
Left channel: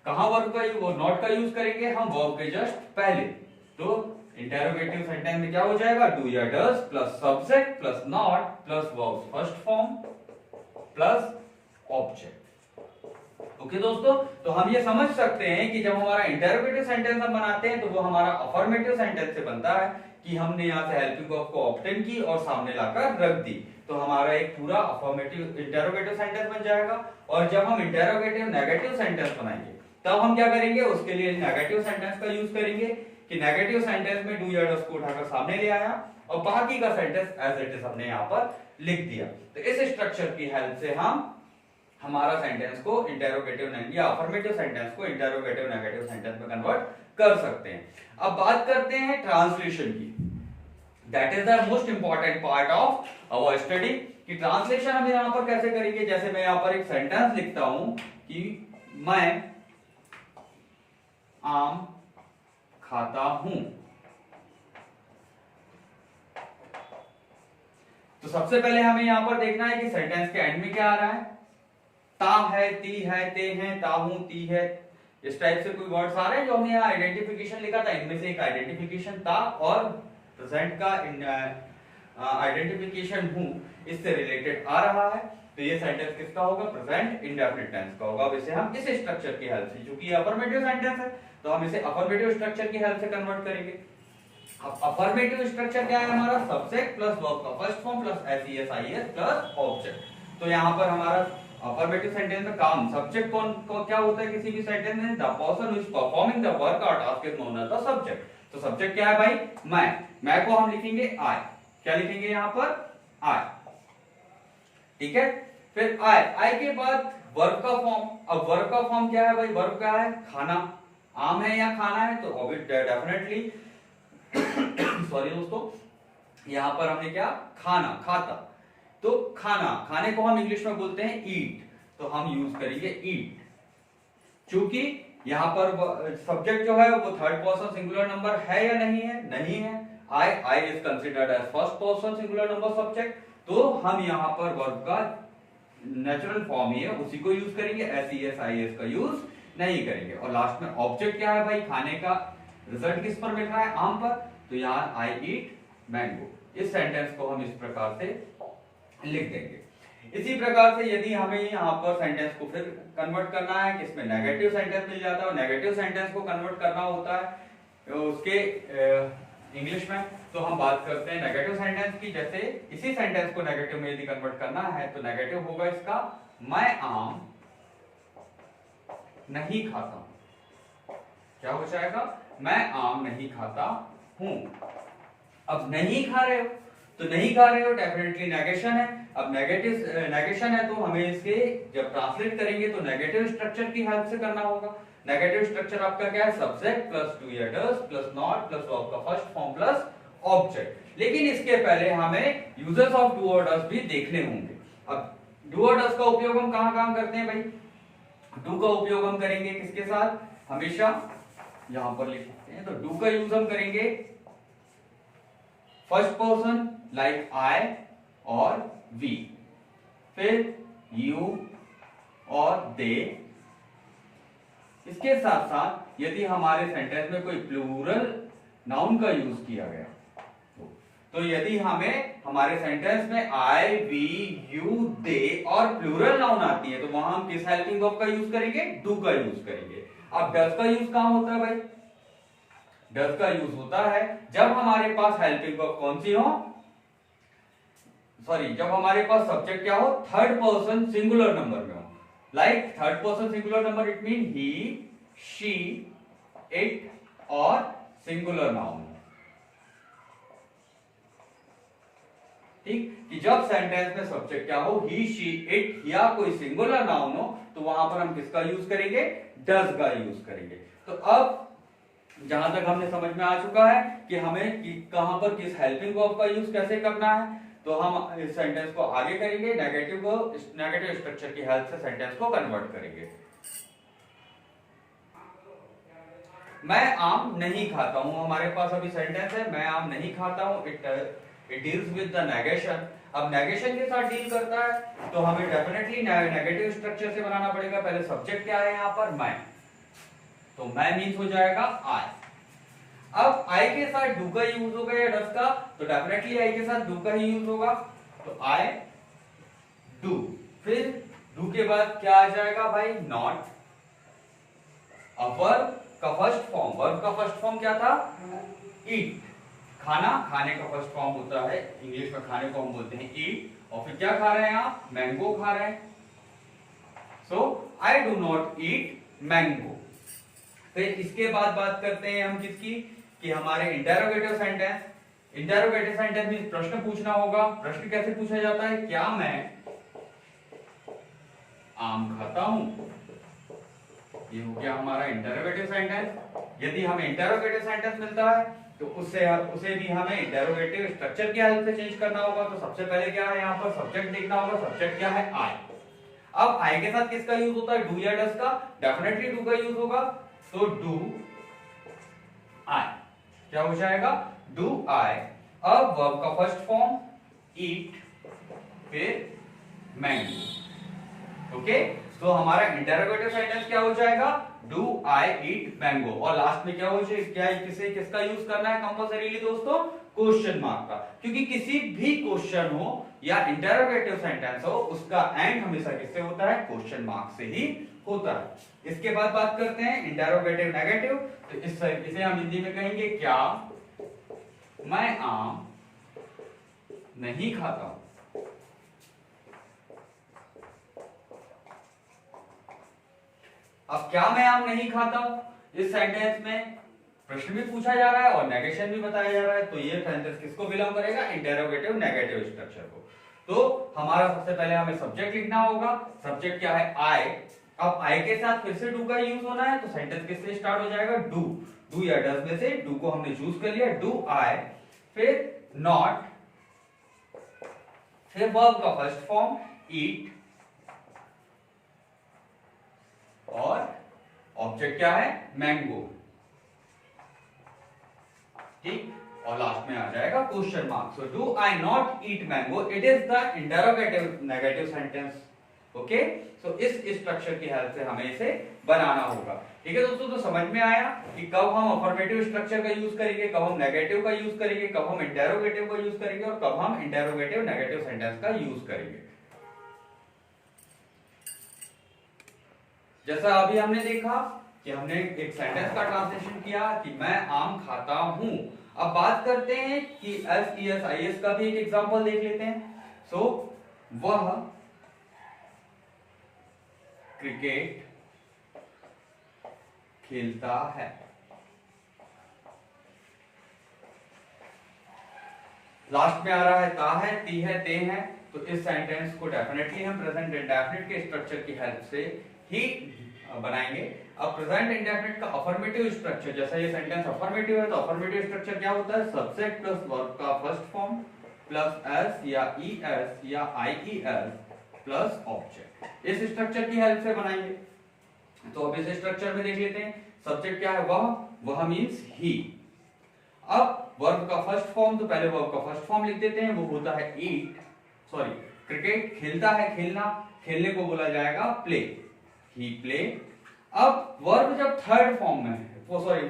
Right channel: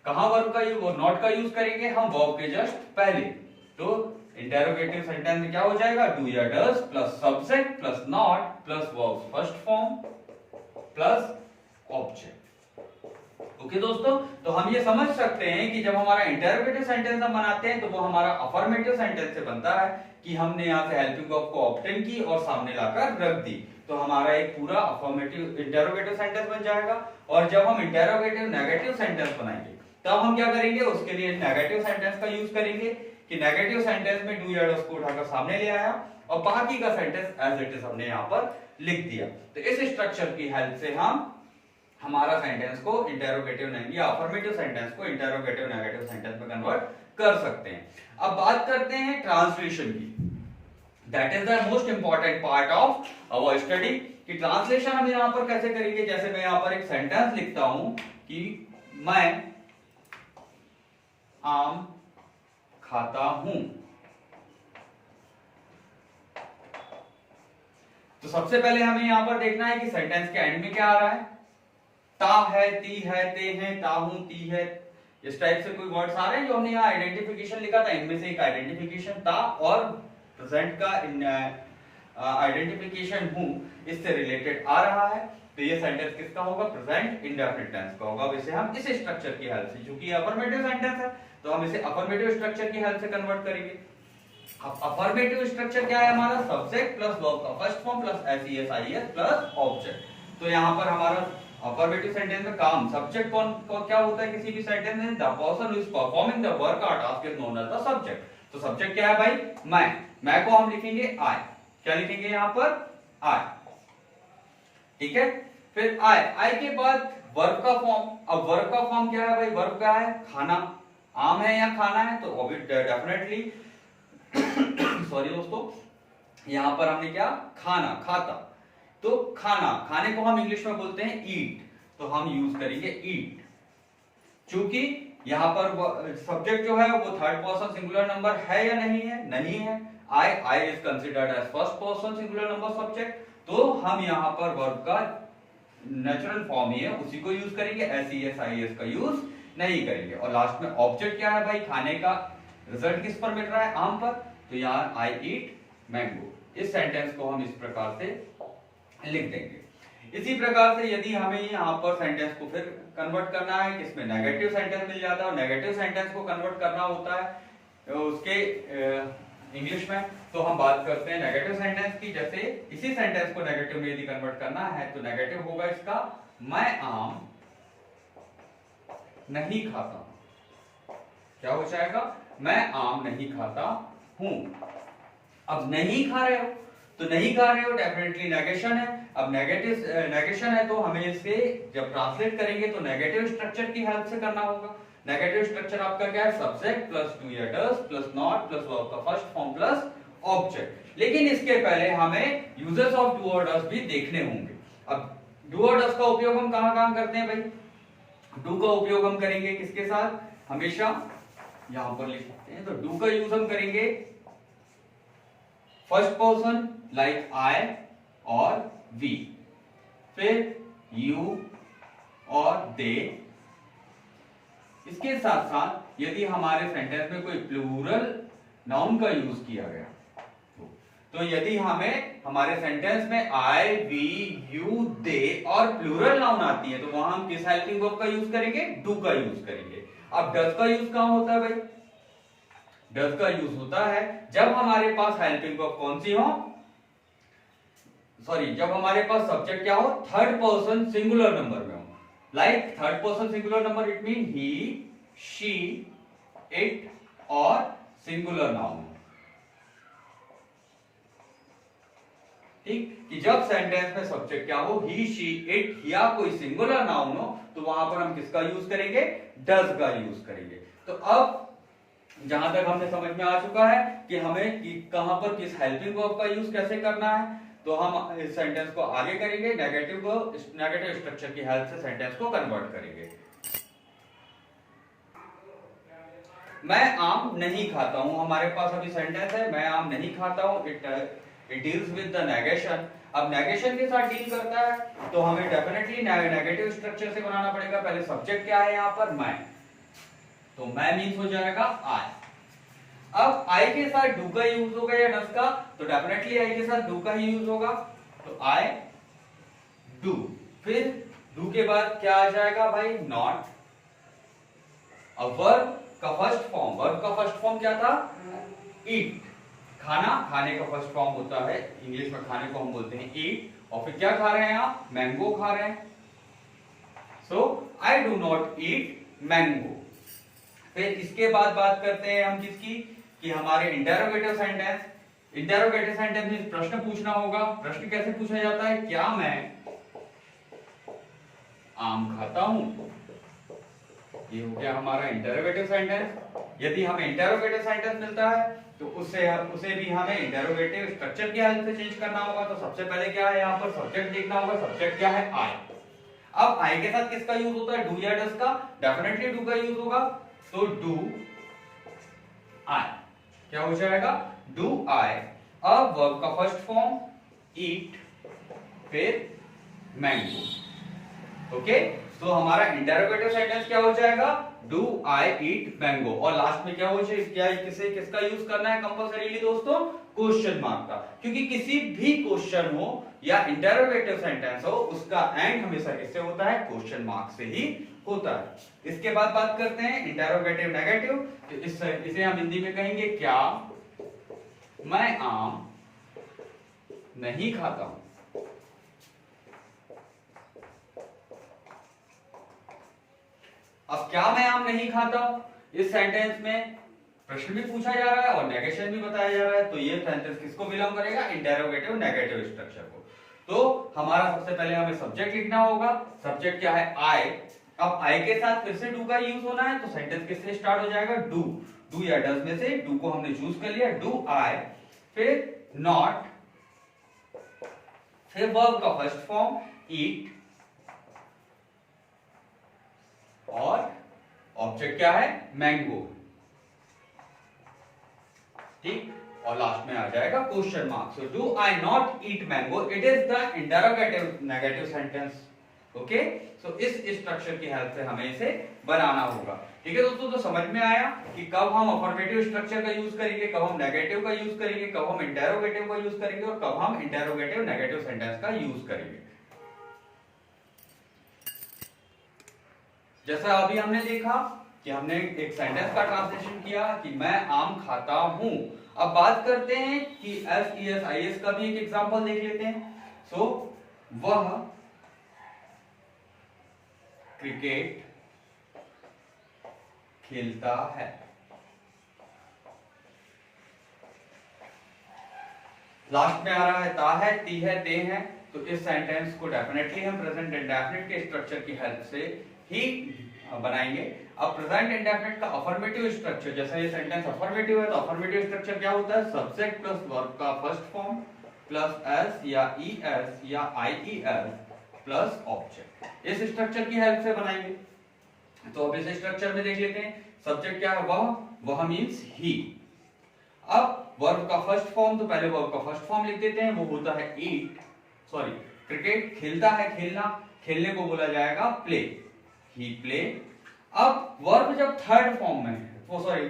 कहां वर्ब का यूज, नॉट का यूज करेंगे हम वर्ब के जस्ट पहले। तो इंटेरोगेटिव सेंटेंस में क्या हो जाएगा? डू या does plus subject plus not plus verb first form plus object. Okay दोस्तों, तो हम ये समझ सकते हैं कि जब हमारा इंटेरोगेटिव सेंटेंस हम बनाते हैं तो वो हमारा अफर्मेटिव सेंटेंस से बनता है कि हमने यहाँ से हेल्पिंग वर्ब को ऑब्टेन की और सामने लाकर रख दी, तो हमारा एक पूरा अफर्मेटिव इंटेरोगेटिव सेंटेंस बन जाएगा। और जब हम इंटेरोगेटिव नेगेटिव सेंटेंस बनाएंगे तब हम क्या करेंगे? उसके लिए नेगेटिव सेंटेंस का यूज करेंगे कि नेगेटिव सेंटेंस में डू या डज को उठाकर सामने ले आया और बाकी का सेंटेंस एज इट इज हमने यहाँ पर लिख दिया। तो इस स्ट्रक्चर की हेल्प से हम हमारा सेंटेंस को इंटेरोगेटिव या अफर्मेटिव सेंटेंस को इंटेरोगेटिव नेगेटिव सेंटेंस में कन्वर्ट कर सकते हैं। अब बात करते हैं ट्रांसलेशन की। That is the most important part of our study कि ट्रांसलेशन हम यहां पर कैसे करेंगे। जैसे मैं यहां पर एक सेंटेंस लिखता हूं कि मैं आम खाता हूं, तो सबसे पहले हमें यहां पर देखना है कि सेंटेंस के एंड में क्या आ रहा है। ता है, ती है, ते हैं, ताहू, ती है, इस टाइप से कोई वर्ड्स आ रहे हैं जो हमने यहाँ आइडेंटिफिकेशन लिखा था। इनमें से एक आइडेंटिफिकेशन ता और प्रेजेंट का आइडेंटिफिकेशन हूं, इससे रिलेटेड आ रहा है। तो ये सेंटेंस किसका होगा? प्रेजेंट इंडेफिनिट टेंस का होगा। अब इसे हम इस स्ट्रक्चर की हेल्प से, क्योंकि अफर्मेटिव सेंटेंस है तो हम इसे अफर्मेटिव स्ट्रक्चर की हेल्प से कन्वर्ट करेंगे। अब अफर्मेटिव स्ट्रक्चर क्या है हमारा? सब्जेक्ट प्लस वर्ब का first form plus s es ies plus object. तो यहाँ पर हमारा अफर्मेटिव सेंटेंस में काम सब्जेक्ट कौन क्या होता है किसी भी सेंटेंस में? The person who is performing the work और task is known as the subject. तो सब्जेक्ट क्या है भाई? मैं को हम लिखेंगे आई। क्या लिखेंगे यहाँ पर? आई। ठीक है, फिर आई के बाद वर्ब का फॉर्म। अब वर्ब का फॉर्म क्या है भाई? वर्ब क्या है? खाना। आम है या खाना है? तो डेफिनेटली सॉरी दोस्तों, यहां पर हमने क्या? खाना, खाता। तो खाना, खाने को हम इंग्लिश में बोलते हैं ईट, तो हम यूज करेंगे ईट। चूंकि यहां पर सब्जेक्ट जो है वो थर्ड पर्सन सिंगुलर नंबर है या नहीं है? नहीं है। I is considered as first person singular number subject, तो हम यहां पर वर्ब का नेचुरल फॉर्म ही है उसी को यूज करेंगे, एसईएस आईएस का यूज नहीं करेंगे। और लास्ट में ऑब्जेक्ट क्या है भाई? खाने का रिजल्ट किस पर मिल रहा है? आम पर, तो यहाँ आई ईट मैंगो। इस सेंटेंस को हम इस प्रकार से लिख देंगे। इसी प्रकार से यदि हमें यहाँ पर सेंटेंस को फिर कन्वर्ट करना है, किसमें? नेगेटिव सेंटेंस मिल जाता है और नेगेटिव सेंटेंस को कन्वर्ट करना होता है उसके इंग्लिश में, तो हम बात करते हैं नेगेटिव सेंटेंस की। जैसे इसी सेंटेंस को नेगेटिव में यदि कन्वर्ट करना है तो नेगेटिव होगा इसका मैं आम नहीं खाता हूं। क्या हो जाएगा? मैं आम नहीं खाता हूं। अब नहीं खा रहे हो, तो नहीं खा रहे हो डेफिनेटली नेगेशन है। अब नेगेशन है तो हमें इसे जब ट्रांसलेट करेंगे तो नेगेटिव स्ट्रक्चर की हेल्प से करना होगा। नेगेटिव स्ट्रक्चर आपका क्या है? सब्जेक्ट प्लस डू या does plus not plus verb का फर्स्ट फॉर्म प्लस ऑब्जेक्ट। लेकिन इसके पहले हमें यूजेस ऑफ डू और डज भी देखने होंगे। अब डू और डज का उपयोग हम कहां करते हैं भाई? डू का उपयोग हम करेंगे किसके साथ? हमेशा यहां पर लिख सकते हैं, तो डू का यूज हम करेंगे फर्स्ट पर्सन लाइक आई और वी, फिर यू और दे। इसके साथ साथ यदि हमारे सेंटेंस में कोई प्लूरल नाउन का यूज किया गया तो यदि हमें हमारे सेंटेंस में आई, वी, यू, दे और प्लूरल नाउन आती है तो वहां हम किस हेल्पिंग वर्ब का यूज करेंगे? डू का यूज करेंगे। अब डज का यूज कहां होता है भाई? डज का यूज होता है जब हमारे पास हेल्पिंग वर्ब कौन सी हो? सॉरी, जब हमारे पास सब्जेक्ट क्या हो? थर्ड पर्सन सिंगुलर नंबर में हो। Like third person singular number, it mean he, she, it और सिंगुलर नाउन। ठीक, कि जब सेंटेंस में सब्जेक्ट क्या हो, ही, शी, इट या कोई सिंगुलर नाउन हो, तो वहां पर हम किसका यूज करेंगे, डज का यूज करेंगे। तो अब जहां तक हमने समझ में आ चुका है कि हमें कहां पर किस हेल्पिंग वर्ब का यूज कैसे करना है, तो हम इस सेंटेंस को आगे करेंगे, नेगेटिव स्ट्रक्चर की हेल्प से सेंटेंस को कन्वर्ट करेंगे। मैं आम नहीं खाता हूं, हमारे पास अभी सेंटेंस है मैं आम नहीं खाता हूं, it deals with the negation. अब नेगेशन के साथ डील करता है तो हमें डेफिनेटली नेगेटिव स्ट्रक्चर से बनाना पड़ेगा। पहले सब्जेक्ट क्या है यहां पर, मैं, तो मैं मीन्स हो जाएगा आई। अब आई के साथ डू का यूज होगा या डस का, तो डेफिनेटली आई के साथ डू का ही यूज होगा, तो आई डू। फिर डू के बाद क्या आ जाएगा भाई, नॉट। अब वर्ब का फर्स्ट फॉर्म, वर्ब का फर्स्ट फॉर्म क्या था, ईट, खाना, खाने का फर्स्ट फॉर्म होता है, इंग्लिश में खाने को हम बोलते हैं ईट। और फिर क्या खा रहे हैं आप, मैंगो खा रहे हैं, so I do not eat mango. फिर इसके बाद बात करते हैं हम किसकी, कि हमारे इंटेरोगेटिव सेंटेंस। इंटेरोगेटिव सेंटेंस में प्रश्न पूछना होगा। प्रश्न कैसे पूछा जाता है, क्या मैं आम खाता हूं, ये हो गया हमारा इंटेरोगेटिव सेंटेंस। यदि हमें इंटेरोगेटिव सेंटेंस मिलता है तो उसे भी हमें इंटेरोगेटिव स्ट्रक्चर की हेल्प से चेंज करना होगा। तो सबसे पहले क्या है, यहाँ पर सब्जेक्ट देखना होगा, सब्जेक्ट क्या है, आई। अब आई के साथ किसका यूज होता है, डू या डस का, डेफिनेटली डू का यूज होगा, तो डू आई क्या हो जाएगा, डू आई। अब वर्ब का फर्स्ट फॉर्म ईट, फिर मैंगो। ओके, तो हमारा इंटेरोगेटिव सेंटेंस क्या हो जाएगा, डू आई ईट मैंगो। और लास्ट में क्या हो जाएगा, किसका यूज करना है कंपल्सरीली दोस्तों, क्वेश्चन मार्क का, क्योंकि किसी भी क्वेश्चन हो या इंटेरोगेटिव सेंटेंस हो उसका एंड हमेशा किससे होता है, क्वेश्चन मार्क से ही होता है। इसके बाद बात करते हैं इंटेरोगेटिव नेगेटिव। तो इसे हम हिंदी में कहेंगे, क्या मैं आम नहीं खाता हूं। अब क्या मैं आम नहीं खाता, इस सेंटेंस में प्रश्न भी पूछा जा रहा है और नेगेशन भी बताया जा रहा है, तो ये सेंटेंस किसको बिलोंग करेगा, इंटेरोगेटिव नेगेटिव स्ट्रक्चर को। तो हमारा सबसे पहले हमें सब्जेक्ट लिखना होगा। सब्जेक्ट क्या है, आई। अब आई के साथ फिर से डू का यूज होना है, तो सेंटेंस किससे स्टार्ट हो जाएगा, डू। डू या डज में से डू को हमने चूज कर लिया, डू आई, फिर नॉट, फिर वर्ब का फर्स्ट फॉर्म ईट, और ऑब्जेक्ट क्या है, मैंगो, ठीक, और लास्ट में आ जाएगा question mark. So do I not eat mango, it is the interrogative negative sentence. Okay, so इस स्ट्रक्चर की हेल्प से हमें इसे बनाना होगा। ठीक है दोस्तों, तो समझ में आया कि कब हम अफर्मेटिव स्ट्रक्चर का यूज करेंगे, कब हम नेगेटिव का यूज करेंगे, कब हम इंटेरोगेटिव का यूज करेंगे और कब हम इंटेरोगेटिव नेगेटिव सेंटेंस का यूज करेंगे। जैसा अभी हमने देखा कि हमने एक सेंटेंस का ट्रांसलेशन किया कि मैं आम खाता हूं। अब बात करते हैं कि SES का भी एक एग्जांपल देख लेते हैं। सो वह क्रिकेट खेलता है। लास्ट में आ रहा है ता है, ती है, ते है, तो इस सेंटेंस को डेफिनेटली हम प्रेजेंट इंडेफिनिट के स्ट्रक्चर की हेल्प से ही बनाएंगे। अब प्रेजेंट इंडेफिनिट का अफर्मेटिव स्ट्रक्चर, जैसा ये सेंटेंस अफर्मेटिव है तो अफर्मेटिव स्ट्रक्चर क्या होता है, सब्जेक्ट प्लस वर्ब का फर्स्ट फॉर्म प्लस एस या ईएस या आईईएस प्लस ऑब्जेक्ट। इस स्ट्रक्चर की हेल्प से बनाएंगे। तो अब इस स्ट्रक्चर में देख लेते हैं। सब्जेक्ट क्या है, वह मींस ही। अब वर्ब का फर्स्ट फॉर्म, तो पहले वर्ब का फर्स्ट फॉर्म लिख देते हैं, वो होता है ईट, सॉरी क्रिकेट खेलता है, खेलना, खेलने को बोला जाएगा प्ले, ही प्ले। अब वर्ब जब थर्ड फॉर्म में है, वो सॉरी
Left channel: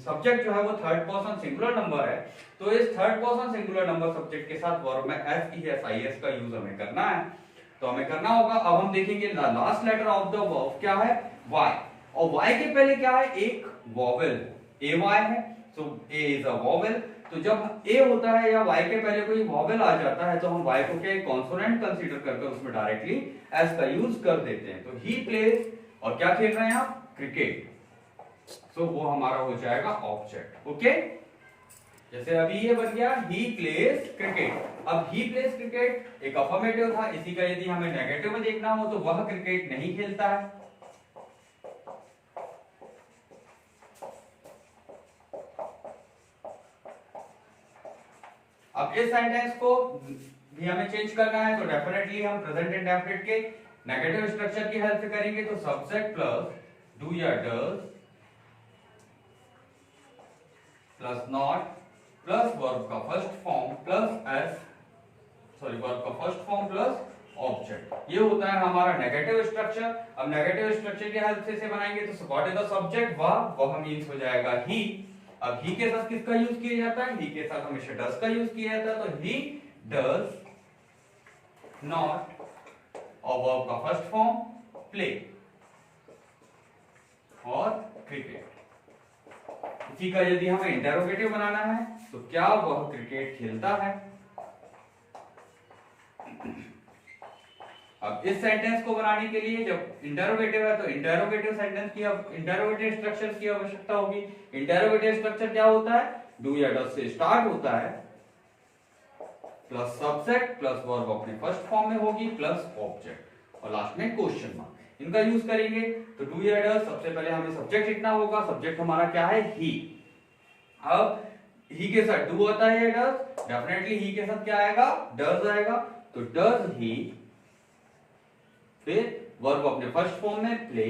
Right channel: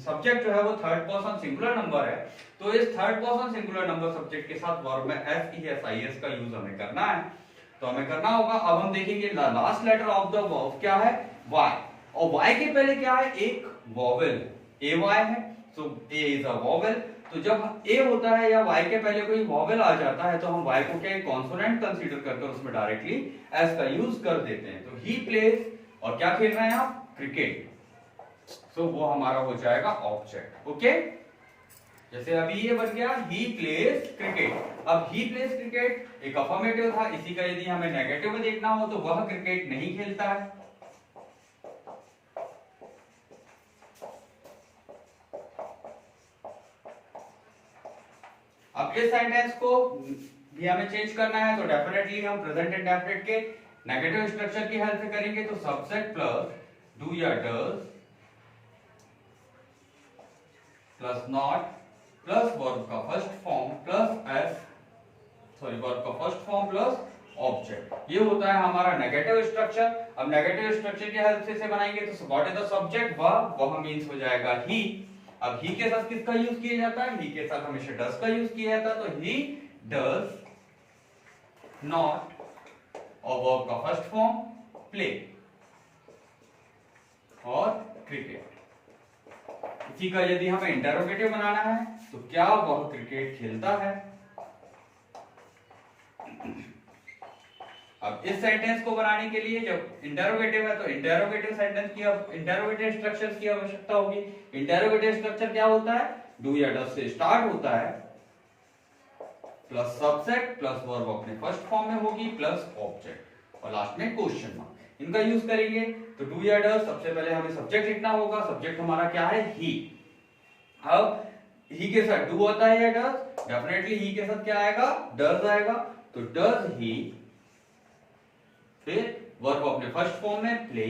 सब्जेक्ट जो है वो थर्ड पर्सन सिंगुलर नंबर है, तो इस third person singular number subject के साथ वर्ब में SES का यूज हमें करना है। तो हमें करना होगा, अब हम देखेंगे last letter of the verb क्या है, Y, और Y के पहले क्या है, एक वॉवेल AY है, सो A इज अ वॉवेल। तो जब A होता है या Y के पहले कोई वॉवेल आ जाता है तो हम Y को क्या कॉन्सोनेंट कंसीडर करके उसमें डायरेक्टली S का यूज कर देते हैं। तो ही प्लेज, और क्या खेल रहे हैं आप, क्रिकेट, सो वो हमारा हो जाएगा ऑब्जेक्ट। ओके, जैसे अभी ये बन गया ही प्लेज क्रिकेट। अब ही प्लेज क्रिकेट एक अफर्मेटिव था, इसी का यदि हमें नेगेटिव में देखना हो तो वह क्रिकेट नहीं खेलता है। अब इस सेंटेंस को भी हमें चेंज करना है, तो डेफिनेटली हम प्रेजेंट इंडेफिनिट के नेगेटिव स्ट्रक्चर की हेल्प से करेंगे। तो सब्जेक्ट प्लस डू या does plus not plus verb का फर्स्ट फॉर्म प्लस वर्ब का फर्स्ट फॉर्म प्लस ऑब्जेक्ट, ये होता है हमारा नेगेटिव स्ट्रक्चर। अब नेगेटिव स्ट्रक्चर की हेल्प से इसे बनाएंगे तो व्हाट इज द सब्जेक्ट, वह मींस हो जाएगा ही। अब ही के साथ किसका यूज किया जाता है, ही के साथ हमेशा डज का यूज किया जाता है। तो ही डज नॉट और वर्ब का फर्स्ट फॉर्म प्ले और क्रिकेट। इसी का यदि हमें इंटरोगेटिव बनाना है तो क्या वह क्रिकेट खेलता है। अब इस सेंटेंस को बनाने के लिए जब इंटरोगेटिव है तो इंटरोगेटिव सेंटेंस की इंटरोगेटिव स्ट्रक्चर्स की आवश्यकता होगी। इंटरोगेटिव स्ट्रक्चर क्या होता है, डू या डज से स्टार्ट होता है, प्लस सब्जेक्ट प्लस वर्ब अपने फर्स्ट फॉर्म में होगी प्लस ऑब्जेक्ट और लास्ट में क्वेश्चन मार्क। इनका यूज करेंगे तो डू या डज, सबसे पहले हमें सब्जेक्ट लिखना होगा। सब्जेक्ट हमारा क्या है, ही। अब ही के साथ डू होता है या डज, डेफिनेटली ही के साथ क्या आएगा, डज आएगा। तो डज ही, फिर वर्ब अपने फर्स्ट फॉर्म में प्ले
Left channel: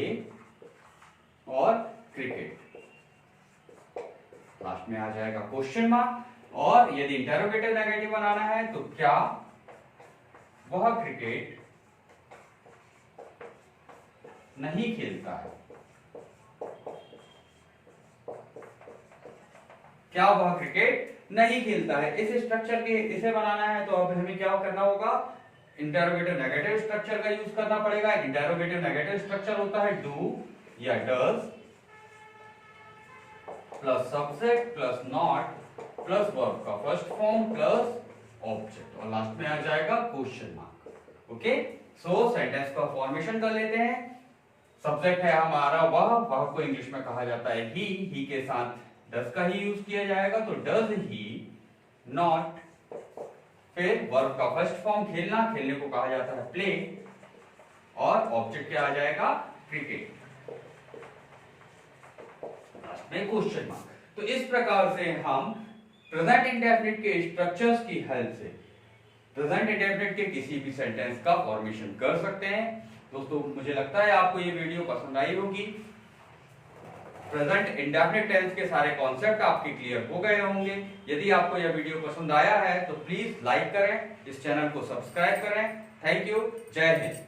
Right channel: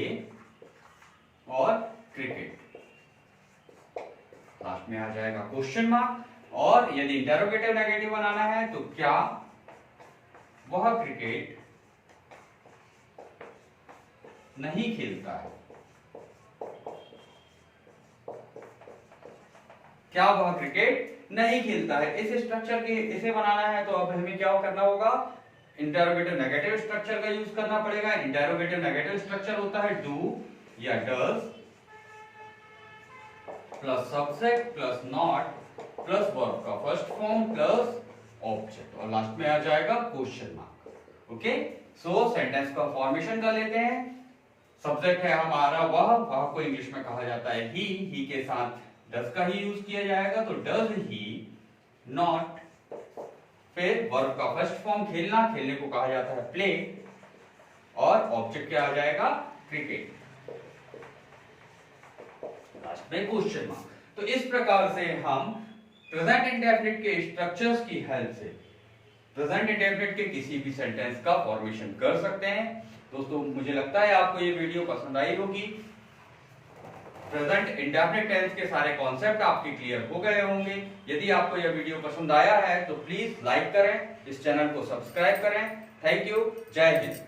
और क्रिकेट, लास्ट में आ जाएगा क्वेश्चन मार्क। और यदि इंटरोगेटिव नेगेटिव बनाना है तो क्या वह क्रिकेट नहीं खेलता है, क्या वह क्रिकेट नहीं खेलता है। इस स्ट्रक्चर के इसे बनाना है तो अब हमें क्या करना होगा, इंटरोगेटिव नेगेटिव स्ट्रक्चर का यूज करना पड़ेगा। इंटरोगेटिव नेगेटिव स्ट्रक्चर होता है डू या does plus subject plus not plus verb का फर्स्ट फॉर्म प्लस ऑब्जेक्ट और लास्ट में आ जाएगा क्वेश्चन मार्क। ओके, सो सेंटेंस का फॉर्मेशन कर लेते हैं। सब्जेक्ट है हमारा वह को इंग्लिश में कहा जाता है ही के साथ डज का ही यूज किया जाएगा। तो डज ही नॉट, फिर वर्ब का फर्स्ट फॉर्म खेलना, खेलने को कहा जाता है प्ले और ऑब्जेक्ट क्या आ जाएगा, क्रिकेट, लास्ट में क्वेश्चन मार्क। तो इस प्रकार से हम प्रेजेंट इंडेफिनिट के स्ट्रक्चर्स की हेल्प से प्रेजेंट इंडेफिनिट के किसी भी सेंटेंस का फॉर्मेशन कर सकते हैं। दोस्तों मुझे लगता है आपको ये वीडियो पसंद आई होगी। प्रेजेंट इंडेफिनिट टेंस के सारे कॉन्सेप्ट आपके क्लियर हो गए होंगे। यदि आपको यह वीडियो पसंद आया है तो प्लीज लाइक करें, इस चैनल को सब्सक्राइब करें। थैंक यू, जय हिंद।